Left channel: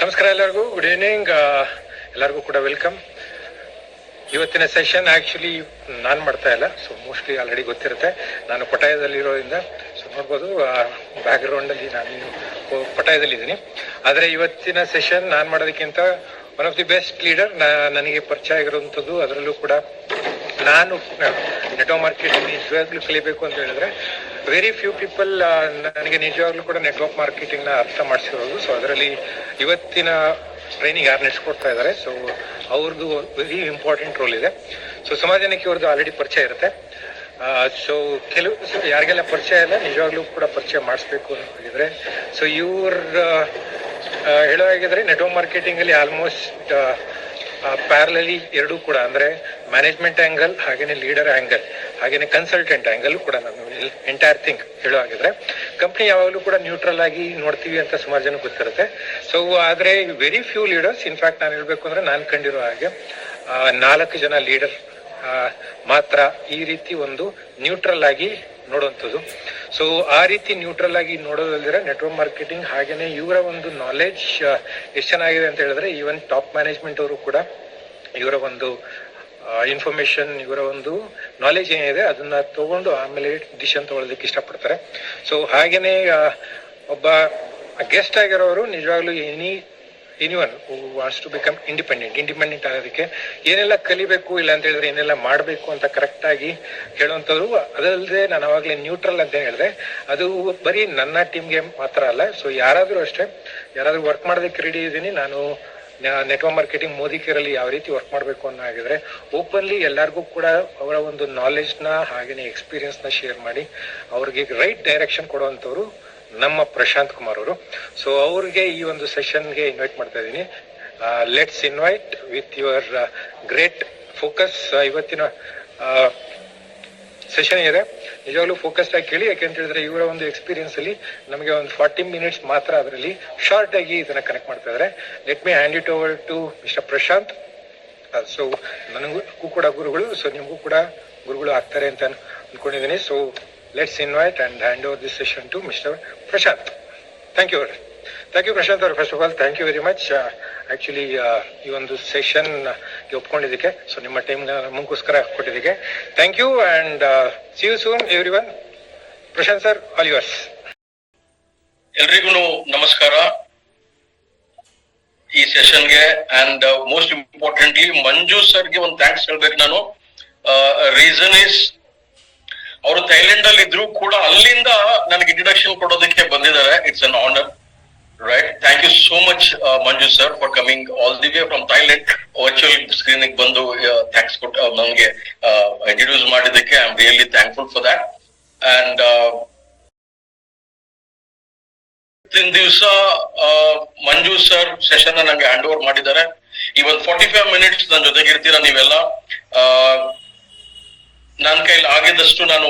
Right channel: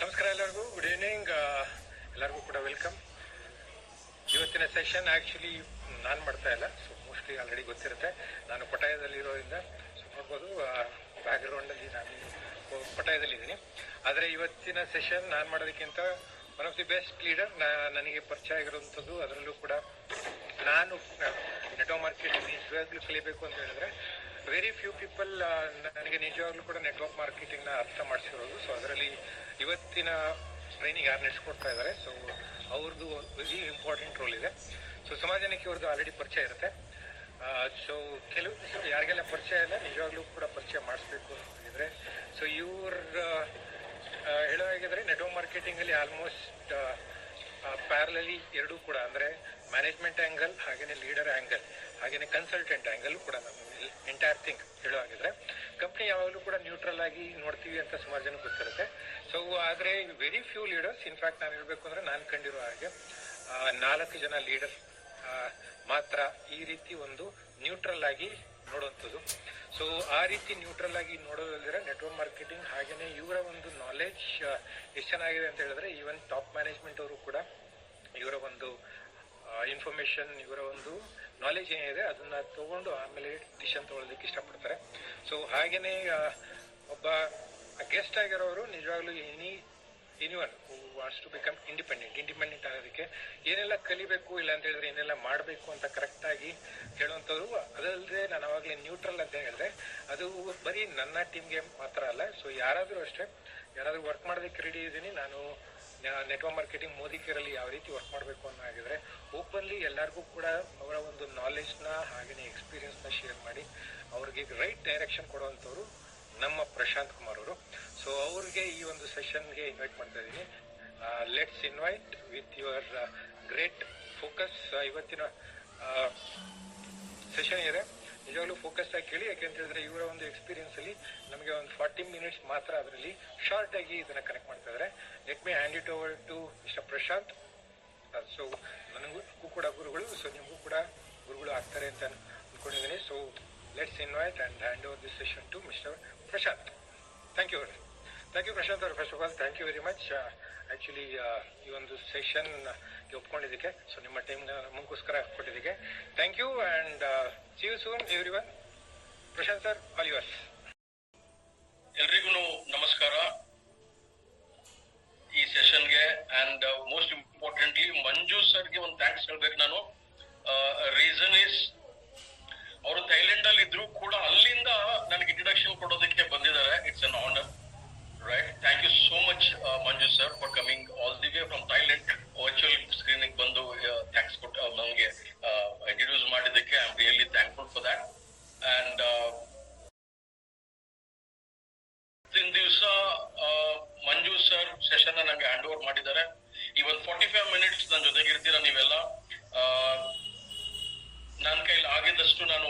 ನಮಸ್ಕಾರ ಎಲ್ಲರಿಗೂ, good evening. ಎಲ್ಲರಿಗೂ ಕೂಡ ವೆಲ್ಕಮ್. ಇವತ್ತಿನ ಸೆಷನ್ ಆ್ಯಕ್ಚುಲಿ ನಾನು ಮಾಡ್ತಾ ಇಲ್ಲ, ಸೊ ಮೋಸ್ಟ್ಲಿ ಆಲ್ರೆಡಿ ಗೊತ್ತಿರುತ್ತೆ. ನಾನು ಪಟಾಯದಲ್ಲಿರೋದ್ರಿಂದ ಸೊ ನೋಡ್ಬೋದು ಬ್ಯಾಕ್ಗ್ರೌಂಡಲ್ಲಿ ನಾನು ಪಟಾಯದಲ್ಲಿದ್ದೀನಿ. ಆದರೆ ಇವತ್ತಿನ ಸೆಷನ್ ನಾನು ಮಾಡೋದಕ್ಕಿಂತ one of the best leader ನನಗೆ ಪರಿಚಯ ಆಗಿರುವಂಥದ್ದು. ಅದರಲ್ಲೂ ಕೂಡ ನಾನು ನೆಟ್ವರ್ಕ್ ಮಾರ್ಕೆಟಿಂಗ್ ನಿಜವಾಗ್ಲೂ ಕಲಿಬೇಕು ಅಂತ ಹೇಳಿದ್ರೆ ವೆರಿ ಫ್ಯೂ ಪೀಪಲ್ ನನಗೆ ನಿಜವಾಗ್ಲೂ ಕೂಡ ನೆಟ್ವರ್ಕ್ ಮಾರ್ಕೆಟಿಂಗ್ನ ಅರ್ಥ ಮಾಡಿಸಿರೋದು. ಸೊ ಅದರಲ್ಲಿ ಇವತ್ತಿನ ಟ್ರೈನಿಂಗ್ ಯಾರು ನಡೆಸ್ಕೊಡ್ತಾ ಇದ್ದಾರೆ, ಸೊ ಅವ್ರದ್ದು ವೆರಿ ಇಂಪಾರ್ಟೆಂಟ್ ರೋಲ್ ಇದೆ. ಸೊ ಸಮಾಜ ಜನಕ್ಕೆ ಇವ್ರದ್ದು ಆಲ್ರೆಡಿ ಪರಿಚಯ ಇರುತ್ತೆ. ಸೊ ಯಾರಿಗೆಲ್ಲ ಪರಿಚಯ ಇಲ್ಲ, ನಿಜವಾಗ್ಲೂ ಕೂಡ ಪರಿಚಯ ಮಾಡಿಸ್ಬೇಕು ಅಂತಿದ್ರೆ ಸೊ ಇವ್ರ ಹೇಳೋ ಹಾಗಿದ್ರೆ ನೆಟ್ವರ್ಕ್ ಮಾರ್ಕೆಟಿಂಗಲ್ಲಿ ಆಲ್ಮೋಸ್ಟ್ ಪ್ಯಾರಲಲಿ ಎರಡೂ ಕೂಡ, ಅಂದರೆ ಮ್ಯಾನೇಜ್ಮೆಂಟ್ ಆ್ಯಂಗಲ್ ಹಾಗೇನೆ ಲೀಡರ್ ಆ್ಯಂಗಲ್ ಹಾಗೇನೆ ಕನ್ಸಲ್ಟೆಂಟ್ ಆ್ಯಂಗಲ್ ಕೂಡ ನಾನು ಎಂಟೈರ್ ಥಿಂಗ್ ಹೇಳೋ ಹಾಗಿದ್ರೆ ಕಂಪ್ನಿ ಯಾವಾಗಲೂ ಕೂಡ ನ್ಯೂಟ್ರಲ್ ಆಗಿ ನೋಡ್ತೀವಿ ಅಂತ ಸುಮಾರು ಜನ ಗೊತ್ತಿರುತ್ತೆ. ಸೊ ಆದರೆ ವೆರಿ ಫ್ಯೂ ಲೀಡರ್ಸ್, ಇನ್ಫ್ಯಾಕ್ಟ್ ನಾನು ಹೇಳಬೇಕು ಅಂದರೆ ನಾನು ಕಂಡಿರೋ ಹಾಗೆ 4 ಜನ ಲೀಡರ್ ಮಾತ್ರ ಈ ರೀತಿ ಒಂದು ನ್ಯೂಟ್ರಲ್ ಆಗಿ ನೋಡುವಂಥದ್ದು. ಸೊ ಆ ರೀತಿ ನ್ಯೂಟ್ರಲ್ ಆಗಿ ನೋಡೋದಲ್ದಿರ ನೆಟ್ವರ್ಕ್ ಮಾರ್ಕೆಟಿಂಗ್ ಹಾಗೇನೆ ಇವರ ಒಂದು ನಾಲೆಡ್ಜ್ ಎಷ್ಟು ಚೆನ್ನಾಗಿದೆ ಅಂತ ಹೇಳಿದ್ರೆ ಈವನ್ ಟಾಪ್ ಮ್ಯಾನೇಜ್ಮೆಂಟ್ ಅವರು ಕೂಡ ಇವರ ಒಂದು ಇನ್ಫಾರ್ಮೇಶನ್, ಇವರ ಒಂದು ನಾಲೆಜ್ ಏನಿದೆ ಅದನ್ನ ತಗೊಂಡು ಆಮೇಲೆ ಡಿಸಿಷನ್ ತಗೊಳ್ಳೋದಕ್ಕೆ ಇಷ್ಟಪಡ್ತಾರೆ. ಸೊ ಹಾಗೇನೆ ಒಬ್ಬ ಗೆಸ್ಟ್ ಆಗಿರೋರು ನಿಜವಾಗ್ಲೂ anyone who wants to become independent ಆಗೋದಕ್ಕೆ ಏನೆಲ್ಲ ಕಲಿಬೇಕು, ಇಲ್ಲ ಅಂತ ಹೇಳಿದ್ರೆ ಏನೆಲ್ಲ ಮಾಡಬೇಕು ಅಂತ ಕರೆಕ್ಟಾಗಿ ಹೇಳುವಂಥವ್ರು. ಅದಲ್ಲದೆ ನಾನು ಅವಾಗಲೇ ನ್ಯೂಟ್ರಲ್ ಅಂತ ಹೇಳಿದ್ರೆ ಅದು ಬರೀ ನನ್ನ ಟೀಮ್ಗೆ ಮಾತ್ರ ಅಲ್ಲ. ಸೊ ಯಾರಾದರೂ ಅಷ್ಟೇ, ಯಾರಾದರೂ ವರ್ಕ್ ಮಾಡೋದಕ್ಕೆ ರೆಡಿ ಇದ್ದೀನಿ ನಾನು ನೆಟ್ವರ್ಕ್ ಮಾರ್ಕೆಟಿಂಗ್ ಮೋದಿ ಕೇರಲ್ಲಿ ಯಾವ ರೀತಿ ವರ್ಕ್ ಮಾಡಬೇಕು ಅನ್ನೋ ಆಗಿದ್ರೆ ಓಪನ್ಲಿ ಎಲ್ಲರಿಗೂ ಕೂಡ ಅವರ ಒಂದು ನಾಲೆಜ್ನ ಹಾಗೆಯೇ ಎಕ್ಸ್ಪೀರಿಯನ್ಸ್ನ ಶೇರ್ ಮಾಡಿ ಅವ್ರಿಗೆ ರೈಟ್ ಡೈರೆಕ್ಷನ್ ಕೊಡುವಂಥವ್ರು ನಮ್ಮ ಪ್ರಶಾಂತ್ ಕುಮಾರ್ ಅವರು. ಸೊ ಅವ್ರಿಗೆ ಈ ಒಂದು ಸೆಷನ್ಗೆ ಇನ್ವೈಟ್ ಮಾಡ್ತಾ ಇದ್ದೀನಿ. Let's invite with your great focus. ಇವತ್ತಿನ ಸೆಷನ್ ಇದೆ, ನಿಜವಾಗ್ಲೂ ಫೋಕಸ್ಡ್ ಆಗಿ ಕೇಳಿ. ಯಾಕೆಂತ ಹೇಳಿದ್ರೆ ಇವರ ಒಂದು ಎಕ್ಸ್ಪೀರಿಯನ್ಸ್ ಅಲ್ಲಿ ನಮಗೆ ಒಂದು 40 ಮಿನಿಟ್ಸ್ ಮಾತ್ರ ಅದರಲ್ಲಿ ಶಾರ್ಟ್ ಆಗಿ ಇದನ್ನ ಕನೆಕ್ಟ್ ಮಾಡ್ತಾ ಇದ್ದಾರೆ. Let me hand it over to mister Prashant. So ನನಗೂ ಕೂಡ ಗುರುಗಳು, ಸೊ ನಿಮಗೂ ಕೂಡ ಗುರುಗಳು ಆಗ್ತಾರೆ ಅಂತ ಅನ್ಕೊಂಡಿದ್ದೀನಿ. So let's invite and hand over this session to Mr. Prashant. Thank you. Thank you, Prashant. First of all, thank you very much. Actually, ಈ ಒಂದು ಸೆಷನ್ ಒಪ್ಕೊಂಡಿದ್ದಕ್ಕೆ, ಸೊ ನಿಮ್ಮ ಟೈಮ್ ನಮಗೋಸ್ಕರ ಕೊಟ್ಟಿದ್ದಕ್ಕೆ thank you and see you soon everyone. Prashant sir, all yours. ಎಲ್ರಿಗೂ ನಮಸ್ಕಾರ. ಈ ಸೆಷನ್ಗೆ and most importantly ಮಂಜು ಸರ್ಗೆ ಒಂದು ಥ್ಯಾಂಕ್ಸ್ ಹೇಳ್ಬೇಕು ನಾನು. ರೀಸನ್ ಇಸ್ ಅವರು ಥೈಲ್ಯಾಂಡ್ ಅಲ್ಲಿ ಇದ್ರು ಕೂಡ ಅಲ್ಲಿಂದ ನನಗೆ ಇಂಟ್ರಡಕ್ಷನ್ ಕೊಡೋದಕ್ಕೆ ಬಂದಿದ್ದಾರೆ. It's an honour, right? Thank you so much Manju sir for coming all the way from Thailand. Virtual screening ಬಂದು ಥ್ಯಾಂಕ್ಸ್ ಕೊಟ್ಟು ನನಗೆ ಇಂಟ್ರೊಡ್ಯೂಸ್ ಮಾಡಿದ್ದಕ್ಕೆ I am really thankful for that. And ಇವತ್ತಿನ ದಿವಸ ಮಂಜು ಸರ್ ಸೆಷನ್ ನಂಗೆ ಹ್ಯಾಂಡ್ ಓವರ್ ಮಾಡಿದ್ದಾರೆ. ಈ ಒಂದು 45 ಮಿನಿಟ್ಸ್ ನನ್ನ ಜೊತೆಗಿರ್ತೀರಾ ನೀವೆಲ್ಲ. ನನ್ನ ಕೈಲಿ ಆಗಿದ್ದಷ್ಟು ನಾನು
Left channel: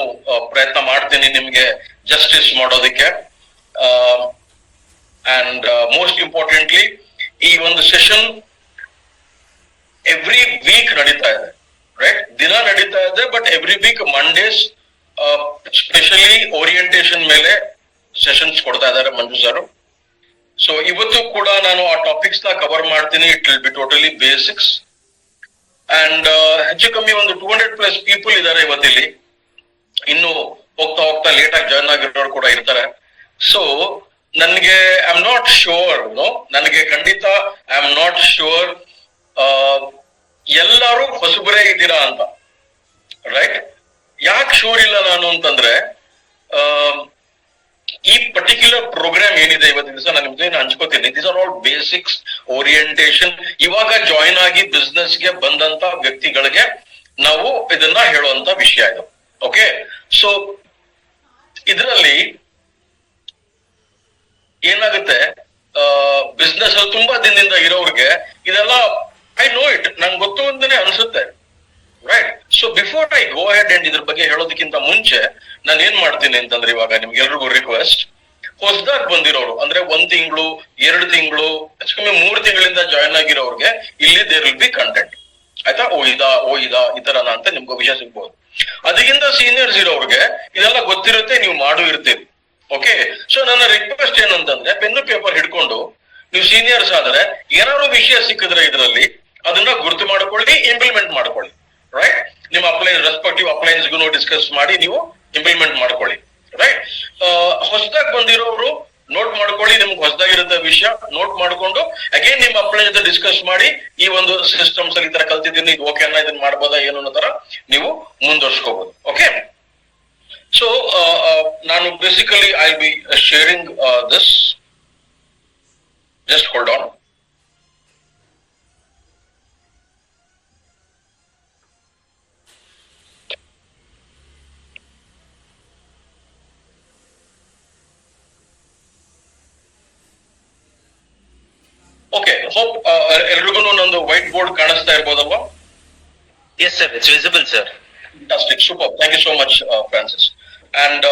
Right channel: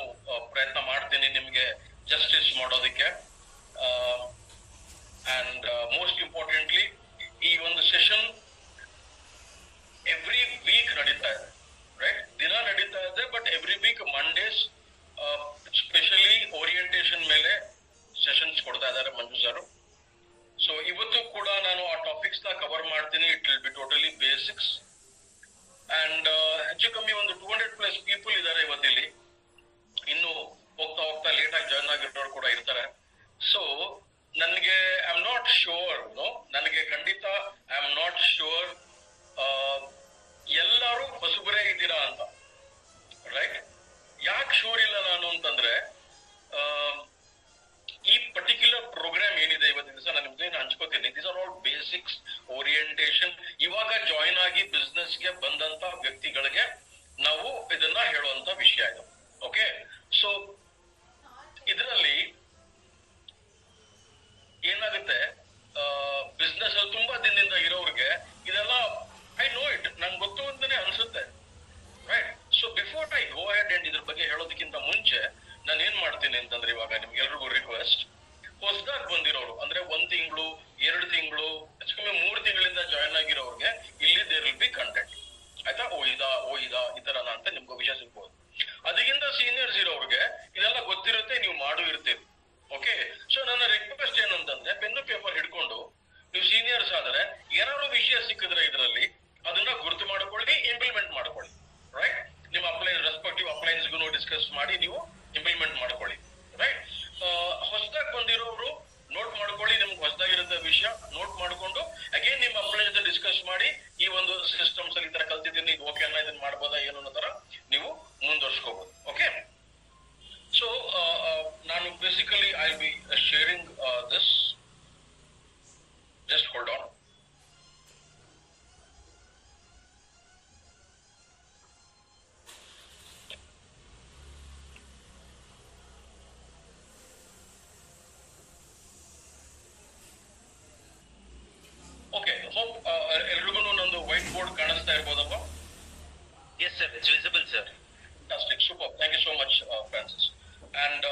ಪ್ರಯತ್ನ ಮಾಡ್ತೀನಿ ನಿಮ್ಗೆ ಜಸ್ಟಿಸ್ ಮಾಡೋದಕ್ಕೆ. ಅಂಡ್ ಮೋಸ್ಟ್ ಇಂಪಾರ್ಟೆಂಟ್ಲಿ ಈ ಒಂದು ಸೆಷನ್ ಎವ್ರಿ ವೀಕ್ ನಡೀತಾ ಇದೆ, ರೈಟ್? ದಿನ ನಡೀತಾ ಇದೆ, but every week Mondays specially orientation ಮೇಲೆ ಸೆಷನ್ಸ್ ಕೊಡ್ತಾ ಇದ್ದಾರೆ ಮಂಜು ಸರ್. ಸೊ ಇವತ್ತು ಕೂಡ ನಾನು ಆ ಟಾಪಿಕ್ಸ್ ನ ಕವರ್ ಮಾಡ್ತೀನಿ. It will B totally basics. And ಹೆಚ್ಚು ಕಮ್ಮಿ ಒಂದು 200+ ಪೀಪಲ್ ಇದ್ದಾರೆ ಇವತ್ತಿಲ್ಲಿ. ಇನ್ನು ಹೋಗ್ತಾ ಹೋಗ್ತಾ ಲೇಟ್ ಆಗಿ ಜಾಯ್ನ್ ಆಗಿರೋರು ಕೂಡ ಇರ್ತಾರೆ. ಸೊ ನನಗೆ ಐ ಆಮ್ ನಾಟ್ ಶೋರ್, ನನಗೆ ಖಂಡಿತ ಐ ಆಮ್ ನಾಟ್ ಶೋರ್ ಎಲ್ಲರೂ ಹೊಸಬರೇ ಇದ್ದೀರಾ ಅಂತ, ರೈಟ್? ಯಾಕೆ ಶೋರ್ ಇಲ್ಲ ನಾನು ಅಂತಂದ್ರೆ, ಈ ಪರ್ಟಿಕ್ಯುಲರ್ ಪ್ರೋಗ್ರಾಮ್ ಏನಿದೆ ಇವತ್ತಿನ ದಿವಸ ನಾನು ನಿಮ್ಗೆ ಹಂಚ್ಕೋತೀನಿ. These are all basics, orientation. ಇವಾಗ ಜಾಯಿನ್ ಆಗಿ ಬಿಸ್ನೆಸ್ ಗೆ ಬಂದಂತ ವ್ಯಕ್ತಿಗಳಿಗೆ ನಾವು ಇದನ್ನ ಹೇಳುವಂತ ವಿಷಯ ಇದು. ಓಕೆ, ಸೊ ಇದರಲ್ಲಿ ಏನಾಗುತ್ತೆ, ಬಿಸ್ನೆಸ್ ಅಲ್ಲಿ ತುಂಬಾ ದಿನದಿಂದ ಇರೋರಿಗೆ ಇದೆಲ್ಲ ಐ ನೋ ಇಟ್, ನಂಗೆ ಗೊತ್ತು ಅಂತಾನೆ ಅನ್ಸುತ್ತೆ, right? So before I go head and ಇದ್ರ ಬಗ್ಗೆ ಹೇಳೋದಕ್ಕಿಂತ ಮುಂಚೆ ನಾನು ಏನ್ ಮಾಡ್ತೀನಿ ಅಂತಂದ್ರೆ, ಇವಾಗ ನಿಮ್ಗೆಲ್ರಿಗೂ ರಿಕ್ವೆಸ್ಟ್, ಹೊಸದಾಗಿ ಬಂದಿರೋರು ಅಂದ್ರೆ 1 ತಿಂಗಳು 2 ತಿಂಗಳು ಕಮ್ಮಿ 3 ತಿಂಗಳಿಂದ ಜಾಯ್ನ್ ಆಗಿರೋರ್ಗೆ ಇಲ್ಲಿ ದೇರ್ ವಿಲ್ ಬಿ ಕಂಟೆಂಟ್, ಆಯ್ತಾ? ಓ ಇದಾ ಈ ತರನ ಅಂತ ನಿಮ್ಗೆ ವಿಷಯ ಸಿಗ್ಬೋದು. ಅದಕ್ಕಿಂತ ಸೀನಿಯರ್ಸ್ ಇರೋರ್ಗೆ ಇದೆಲ್ಲ ಗೊತ್ತಿರುತ್ತೆ, ನೀವು ಮಾಡು ಇರ್ತೀರಿ. ಓಕೆ, ಸೊ ನನ್ನ ರಿಕ್ವೆಸ್ಟ್ ಏನಂತಂದ್ರೆ, ಪೆನ್ನು ಪೇಪರ್ ಹಿಡ್ಕೊಂಡು ನೀವು ಸೀನಿಯರ್ಸ್ ಆದ್ರೆ ಏನಾದ್ರು ವಿಷಯ ಸಿಕ್ಕಿದ್ರೆ ಇದರಲ್ಲಿ ಅದನ್ನ ಗುರುತು ಮಾಡ್ಕೊಳ್ಳಿ, ಇಂಪ್ಲಿಮೆಂಟ್ ಮಾಡ್ಕೊಳ್ಳಿ. ರೈಟ್, ನಿಮ್ಮ ಅಪ್ಲೈನ್ಸ್ ರೆಸ್ಪೆಕ್ಟಿವ್ ಅಪ್ಲೈನ್ಸ್ಗೂ ಡಿಸ್ಕಸ್ ಮಾಡಿ ನೀವು ಇಂಪ್ಲಿಮೆಂಟ್ ಮಾಡ್ಕೊಳ್ಳಿ. ರೈಟ್, ಹೊಸದಾಗಿ ಬಂದಿರೋರು ನೋಟ್ ಮಾಡ್ಕೊಳ್ಳಿ, ನಿಮ್ಗೆ ಹೊಸದಾಗಿರುತ್ತೆ ವಿಷಯ ನೋಟ್ ಮಾಡ್ಕೊಂಡು ಅಗೇನ್ ನಿಮ್ಮ ಅಪ್ಲೈನ್ ಜೊತೆ ಡಿಸ್ಕಸ್ ಮಾಡಿ ಈ ಒಂದು ಸಿಸ್ಟಮ್ಸ್ ಅಲ್ಲಿ ಈ ತರ ಕಲ್ತಿದ್ದೀನಿ, ಇದು ಓಕೆ ಅನ್ನ ಇದನ್ನ ಮಾಡ್ಬೋದಾ ಏನು ಅನ್ನೋ ತರ ನೀವು ಮುಂದುವರ್ಸ್ಕೋಬಹುದು. ಓಕೆ, ಸೊ ನಾನು basically I be sharing this. Just hold on. Okay, hope ಎಲ್ರಿಗೂ ನಂದು ವೈಟ್ ಬೋರ್ಡ್ ಕಾಣಿಸ್ತಾ ಇರ್ಬೋದಲ್ವಾ? Yes, sir. It's visible, sir. Fantastic, super. Thank you so much, Francis. And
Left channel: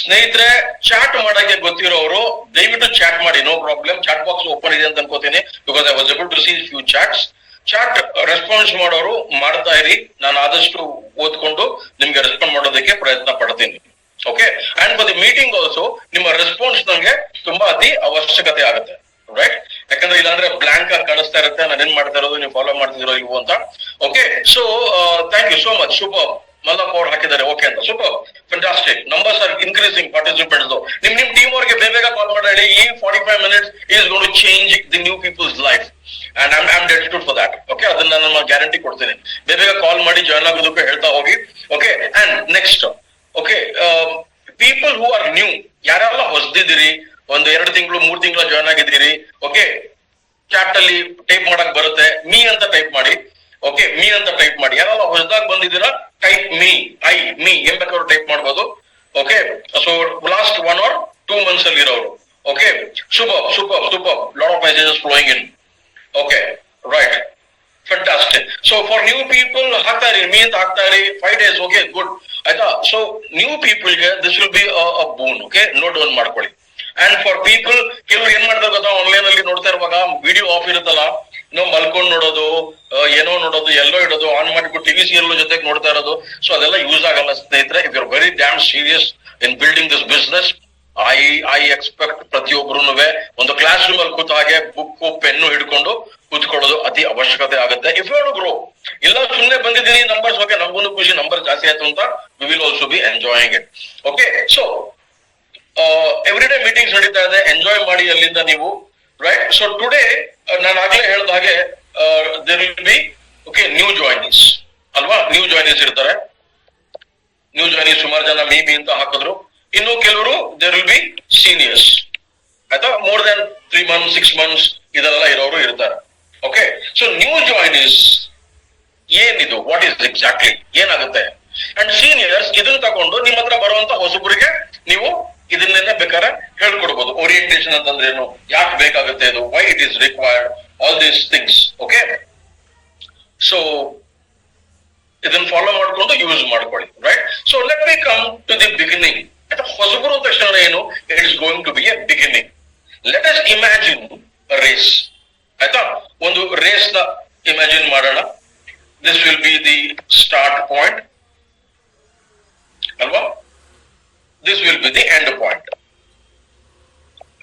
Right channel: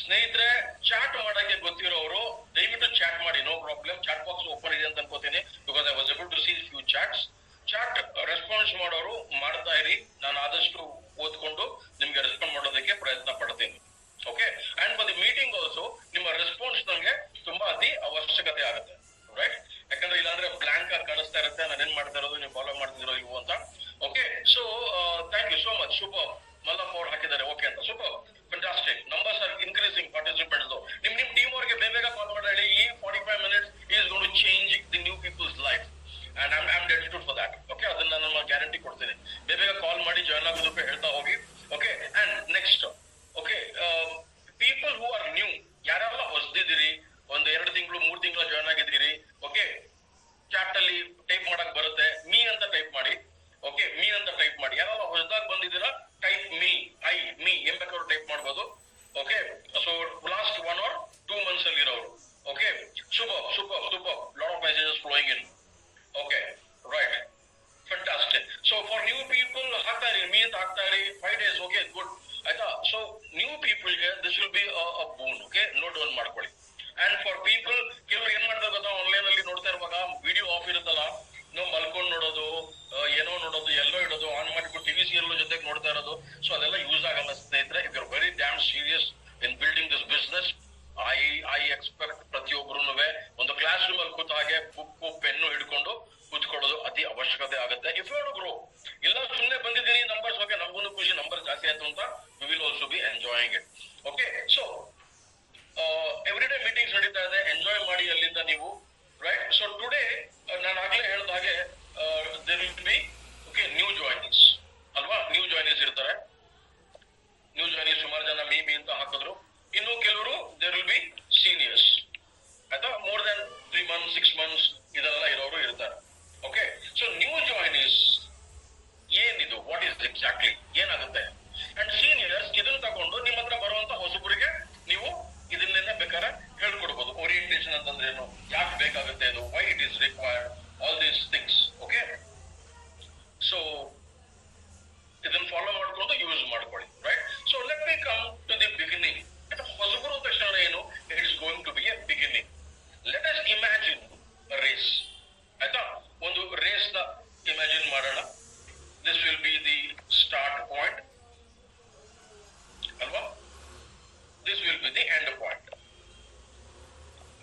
ಸ್ನೇಹಿತರೆ, ಚಾಟ್ ಮಾಡಕ್ಕೆ ಗೊತ್ತಿರೋರು ದಯವಿಟ್ಟು ಚಾಟ್ ಮಾಡಿ, no problem. Chat box open ಇದೆ ಅಂತ ಅನ್ಕೋತೀನಿ, because I was able to see few chats. Chat response ಮಾಡೋರು ಮಾಡ್ತಾ ಇರಿ, ನಾನು ಆದಷ್ಟು ಓದ್ಕೊಂಡು ನಿಮ್ಗೆ ರೆಸ್ಪಾಂಡ್ ಮಾಡೋದಕ್ಕೆ ಪ್ರಯತ್ನ ಪಡ್ತೀನಿ. Okay, and for the meeting also ನಿಮ್ಮ ರೆಸ್ಪಾನ್ಸ್ ನಂಗೆ ತುಂಬಾ ಅತಿ ಅವಶ್ಯಕತೆ ಆಗುತ್ತೆ. ರೈಟ್, ಯಾಕಂದ್ರೆ ಇಲ್ಲಾಂದ್ರೆ ಬ್ಲಾಂಕ್ ಆಗಿ ಕಾಣಿಸ್ತಾ ಇರುತ್ತೆ, ನಾನು ಏನ್ ಮಾಡ್ತಾ ಇರೋದು ನೀವು ಫಾಲೋ ಮಾಡ್ತಿರೋ ಇಲ್ವೋ ಅಂತ. Okay, so thank you so much. Super, Mallappa ಅವ್ರು ಹಾಕಿದ್ದಾರೆ ಓಕೆ ಅಂತ. Super, fantastic. Numbers are increasing participants. ನಿಮ್ ಟೀಮ್ ಅವ್ರಿಗೆ ಬೇಗ ಕಾಲ್ ಮಾಡಿ. ಈ 45 minutes is gone to change the new people's life and I am dedicated for that. Okay, ಅದನ್ನ ನಾನು ಗ್ಯಾರಂಟಿ ಕೊಡ್ತೀನಿ. ಬೇಗ ಕಾಲ್ ಮಾಡಿ ಜಾಯ್ನ್ ಆಗೋದಕ್ಕೆ ಹೇಳ್ತಾ ಹೋಗಿ. Okay, and next, okay, people who are new, ಯಾರೆಲ್ಲ ಹೊಸದಿದ್ದೀರಿ, ಒಂದು 2 ತಿಂಗಳು 3 ತಿಂಗಳ ಜಾಯ್ನ್ ಆಗಿದ್ದೀರಿ, ಓಕೆ, ಚಾಟ್ ಅಲ್ಲಿ ಟೈಪ್ ಮಾಡಕ್ ಬರುತ್ತೆ, ಮೀ ಅಂತ ಟೈಪ್ ಮಾಡಿ. ಓಕೆ, ಮೀ ಅಂತ ಟೈಪ್ ಮಾಡಿ. ಯಾರೆಲ್ಲ ಹೊಸದಾಗಿ ಬಂದಿದ್ದೀರಾ ಟೈಪ್ ಮೀ, ಮೀ ಏನ್ ಬೇಕಾದ್ರು ಟೈಪ್ ಮಾಡ್ಬೋದು. Okay, so last 1 or 2 months ಅಲ್ಲಿ ಇರೋರು. Okay, super super super, lot of messages flowing in. Okay, right, fantastic. So for new people ಹಾಕ್ತಾ ಇರಿ, ಮೀ ಅಂತ ಹಾಕ್ತಾ ಇರಿ. 5 days, ಓಕೆ, ಗುಡ್, ಆಯ್ತಾ. ಸೊ ನ್ಯೂ ಪೀಪಲ್ಗೆ this will be a boon. Okay, note down ಮಾಡ್ಕೊಳ್ಳಿ. ಅಂಡ್ ಫಾರ್ ಪೀಪಲ್, ಕೆಲವರು ಏನ್ ಮಾಡ್ತಾರೆ ಗೊತ್ತಾ, ಆನ್ಲೈನ್ ಅಲ್ಲಿ ನೋಡ್ತಾ ಇರುವಾಗ ವಿಡಿಯೋ ಆಫ್ ಇರುತ್ತಲ್ಲ, ನಾವು ಮಲ್ಕೊಂಡ್ ನೋಡೋದು, ಏನೋ ನೋಡೋದು, ಎಲ್ಲೋ ಇಡೋದು, ಆನ್ ಮಾಡಿಬಿಟ್ಟು ಟಿವಿ ಸೀರಿಯಲ್ ಜೊತೆಗೆ ನೋಡ್ತಾ ಇರೋದು. ಸೊ ಅದೆಲ್ಲ ಯೂಸ್ ಆಗಲ್ಲ ಸ್ನೇಹಿತರೆ. If you are very damn serious in building this business, I expect ಪ್ರತಿಯೊಬ್ಬರು ಒಂದು ಕ್ಲಾಸ್ ರೂಮ್ ಅಲ್ಲಿ ಕೂತ ಹಾಗೆ ಬುಕ್ ಪೆನ್ನು ಹಿಡ್ಕೊಂಡು ಕೂತ್ಕೊಳ್ಳೋದು ಅತಿ ಅವಶ್ಯಕತೆ ಆಗುತ್ತೆ. If you want to grow. ಇಲ್ಲ ಸುಮ್ಮನೆ ಬಂದಿದ್ದೀನಿ ನಂಬರ್ಸ್, ಓಕೆ, ನಮಗೂ ಖುಷಿ, ನಂಬರ್ ಜಾಸ್ತಿ ಆಯ್ತು ಅಂತ, we will also be enjoying it. Okay, so every day meetings ನಡೀತಾ ಇದೆ, ಎಂಜಾಯ್ ಮಾಡಿ ಅಲ್ಲಿಂದ ನೀವು. ರೈಟ್, ಸೊ ಟುಡೇ ನಾನು ಆಗ್ಲೇ ಹೇಳ್ದ ಹಾಗೆ there will be okay new joinees ಅಲ್ವಾ. ನ್ಯೂ ಜಾಯ್ನೀಸ್ ಇರ್ತಾರೆ. ನ್ಯೂ ಜಾಯ್ನೀಸ್ ಸುಮಾರು ಜನ ಮೀ ಅಂತ ಹಾಕಿದ್ರು. ಇನ್ನು ಕೆಲವರು ದೇರ್ ವಿಲ್ ಬಿ ಸೀನಿಯರ್ಸ್, ಆಯ್ತಾ, ಮೋರ್ ದನ್ 3 months 6 months ಇದೆಲ್ಲ ಇರೋರು ಇರ್ತಾರೆ. ಓಕೆ, ಸೊ ನ್ಯೂ ಜಾಯ್ನೀಸ್ ಏನಿದು, ವಾಟ್ ಈಸ್ ಎಕ್ಸಾಕ್ಟ್ಲಿ ಏನಾಗುತ್ತೆ. ಅಂಡ್ ಸೀನಿಯರ್ಸ್ ಇದನ್ನ ತಗೊಂಡು ನಿಮ್ಮ ಹತ್ರ ಬರುವಂತ ಹೊಸಬರಿಗೆ ನೀವು ಇದನ್ನೇ ಬೇಕಾದ್ರೆ ಹೇಳ್ಕೊಡ್ಬೋದು. ಓರಿಯಂಟೇಶನ್ ಅಂತಂದ್ರೆ ಏನು, ಯಾಕೆ ಬೇಕಾಗುತ್ತೆ ಇದು, why it is required, all these things. Okay, so ಇದನ್ನ ಫಾಲೋ ಮಾಡ್ಕೊಂಡು ಯೂಸ್ ಮಾಡ್ಕೊಳ್ಳಿ. Right, so let me come to the beginning. ಹೊಸಬರು ತಕ್ಷಣ ಏನು, it is going to be a beginning. Let us imagine race, ಆಯ್ತಾ, ಒಂದು ರೇಸ್ ನ imagine ಮಾಡೋಣ. This will be the start point ಅಲ್ವಾ, this will be the end point.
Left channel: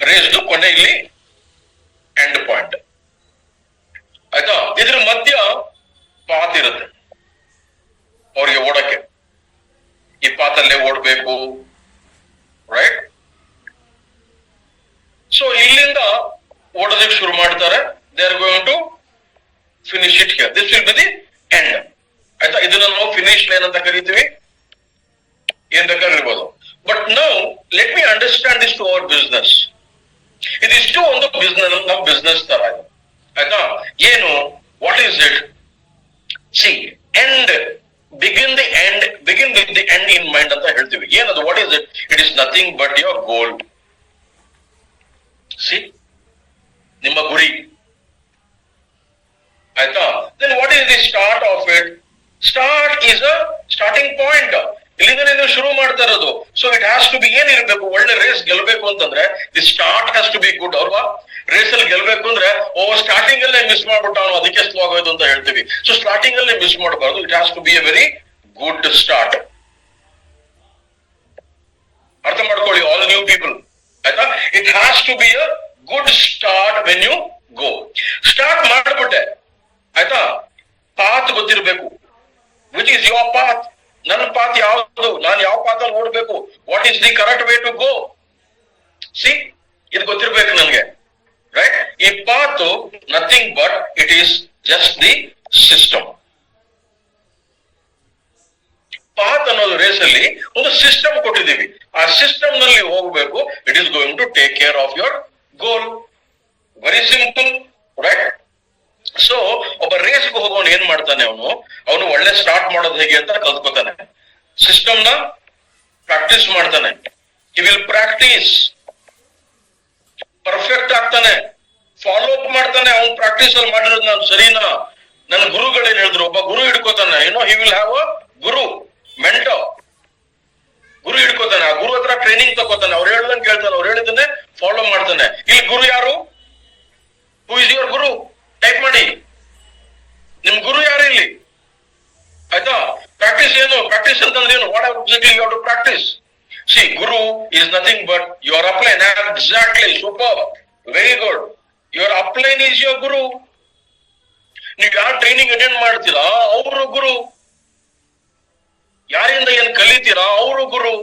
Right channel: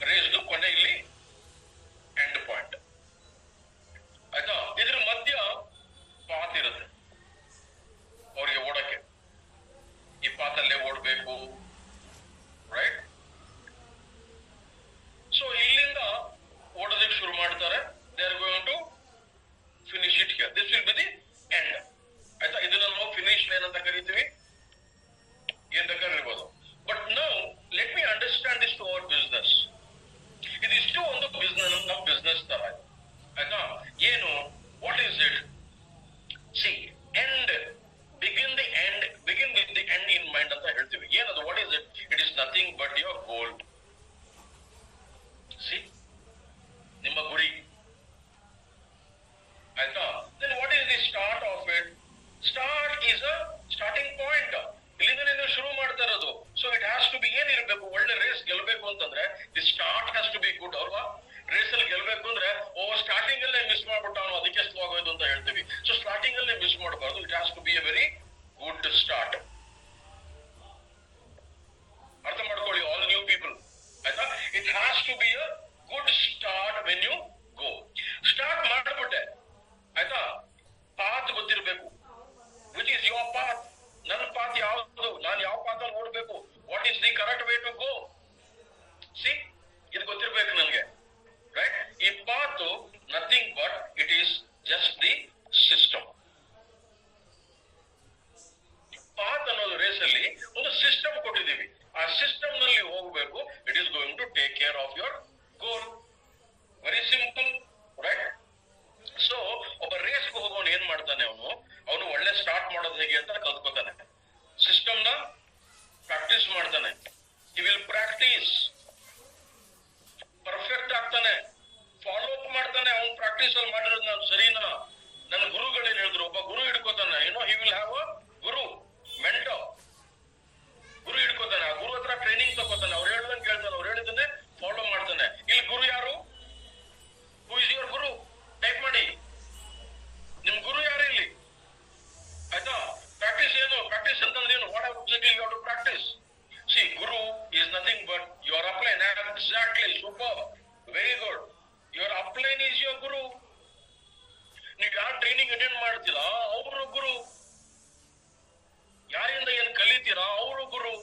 Race ಕೊನೆ ಇಲ್ಲಿ ಎಂಡ್ ಪಾಯಿಂಟ್, ಆಯ್ತಾ. ಇದ್ರ ಮಧ್ಯ ಪಾತ್ ಇರುತ್ತೆ ಅವ್ರಿಗೆ ಓಡಕ್ಕೆ, ಈ ಪಾತಲ್ಲೇ ಓಡ್ಬೇಕು. ರೈಟ್, ಸೊ ಇಲ್ಲಿಂದ ಓಡೋದಕ್ಕೆ ಶುರು ಮಾಡ್ತಾರೆ. They are going to finish it here. This will be the end, ಆಯ್ತಾ. ಇದನ್ನ ನಾವು ಫಿನಿಶ್ ಲೈನ್ ಅಂತ ಕರಿತೀವಿ, ಏನ್ ಬೇಕಾದ್ರೆ ಇರ್ಬೋದು. But now let me understand this to our business. ಇದಿಷ್ಟು ಒಂದು ಬಿಸ್ನೆಸ್, ನಮ್ಮ ಬಿಸ್ನೆಸ್ ತರ ಇದೆ, ಆಯ್ತಾ. ಏನು, what is it? See, end, begin the end, begin with the end in mind ಅಂತ ಹೇಳ್ತೀವಿ. ಏನದು, what is it? It is nothing but your goal. See, ನಿಮ್ಮ ಗುರಿ, ಆಯ್ತಾ. Then what is the start of it? Start is a starting point. ಇಲ್ಲಿಂದ ನೀವು ಶುರು ಮಾಡ್ತಾ ಇರೋದು. So it has to be, ಏನಿರ್ಬೇಕು, ಒಳ್ಳೆ ರೇಸ್ ಗೆಲ್ಬೇಕು ಅಂತಂದ್ರೆ the start has to be good ಅಲ್ವಾ. ರೇಸ್ ಅಲ್ಲಿ ಗೆಲ್ಬೇಕು ಅಂದ್ರೆ ಸ್ಟಾರ್ಟಿಂಗ್ ಅಲ್ಲೇ ಮಿಸ್ ಮಾಡ್ಬಿಟ್ಟ ಅವನು, ಅದಕ್ಕೆ ಸ್ಲೋ ಆಗೋದು ಅಂತ ಹೇಳ್ತೀವಿ. ಸೊ ಸ್ಟಾರ್ಟಿಂಗ್ ಅಲ್ಲೇ ಮಿಸ್ ಮಾಡಬಾರ್ದು. It has to be a very good start. ಅರ್ಥ ಮಾಡ್ಕೊಳ್ಳಿ ಆಲ್ ನ್ಯೂ ಪೀಪಲ್, ಆಯ್ತಾ. It has to be a good start when you go. Start ಮಾಡ್ಬಿಟ್ಟೆ ಆಯ್ತಾ, ಪಾತ್ ಗೊತ್ತಿರ್ಬೇಕು. Which is your path? ನನ್ನ ಪಾತ್ ಯಾವುದು, ನಾನು ಯಾವ ಪಾತ್ ಅಲ್ಲಿ ಓಡ್ಬೇಕು, what is the correct way to go. See, ಇದು ಗೊತ್ತಿರ್ಬೇಕು ನನ್ಗೆ, ರೈಟ್? ಈ path nothing but it is just the system. Path ಅನ್ನೋದು ರೇಸ್ ಅಲ್ಲಿ ಒಂದು ಸಿಸ್ಟಮ್ ಕೊಟ್ಟಿದ್ದೀವಿ, ಆ ಸಿಸ್ಟಮ್ ನಲ್ಲಿ ಹೋಗ್ಬೇಕು. It is going to take care of your goal. Very simple, right? So ಒಬ್ಬ ರೇಸ್ಗೆ ಹೋಗೋನು ಏನ್ ಮಾಡ್ತಾನೆ, ಅವನು ಒಳ್ಳೆ ಸ್ಟಾರ್ಟ್ ಮಾಡೋದು ಹೇಗೆ ಅಂತ ಕಲ್ತ್ಕೋತಾನೆ. ಸಿಸ್ಟಮ್ ನ ಪ್ರಾಕ್ಟೀಸ್ ಮಾಡ್ತಾನೆ. ಹಿ ವಿಲ್ ಪ್ರಾಕ್ಟೀಸ್, ಪರ್ಫೆಕ್ಟ್ ಆಗ್ತಾನೆ, ಫಾಲೋ ಅಪ್ ಮಾಡ್ತಾನೆ. ಅವ್ನು ಪ್ರಾಕ್ಟೀಸ್ ಅಲ್ಲಿ ಮಾಡಿರೋದು ನಾನು ಸರಿನಾ, ನನ್ನ ಗುರುಗಳೇನ್ ಹೇಳಿದ್ರು, ಒಬ್ಬ ಗುರು ಹಿಡ್ಕೋತಾನೆ. He will have a guru, mentor. ಗುರು ಹಿಡ್ಕೋತಾನೆ, ಆ ಗುರು ಹತ್ರ ಟ್ರೈನಿಂಗ್ ತಗೋತಾನೆ, ಅವ್ರು ಹೇಳ್ದಂಗೆ ಕೇಳ್ತಾನೆ, ಅವ್ರು ಹೇಳಿದನ್ನೇ ಫಾಲೋ ಮಾಡ್ತಾನೆ. ಇಲ್ಲಿ ಗುರು ಯಾರು? Who is your Guru? Type ಮಾಡಿ, ನಿಮ್ ಗುರು ಯಾರು ಇಲ್ಲಿ? ಆಯ್ತಾ? ಪ್ರಾಕ್ಟೀಸ್ ಏನು? ಪ್ರಾಕ್ಟೀಸ್ ಅಂತಂದ್ರೆ ಏನು? What exactly you have to practice? See, guru is nothing but your upline. Exactly, super, very good. Your upline is your guru. ನೀವು ಯಾರು ಟ್ರೈನಿಂಗ್ ಅಟೆಂಡ್ ಮಾಡ್ತೀರಾ ಅವರು ಗುರು, ಯಾರಿಂದ ಏನ್ ಕಲಿತೀರಾ ಅವರು ಗುರು,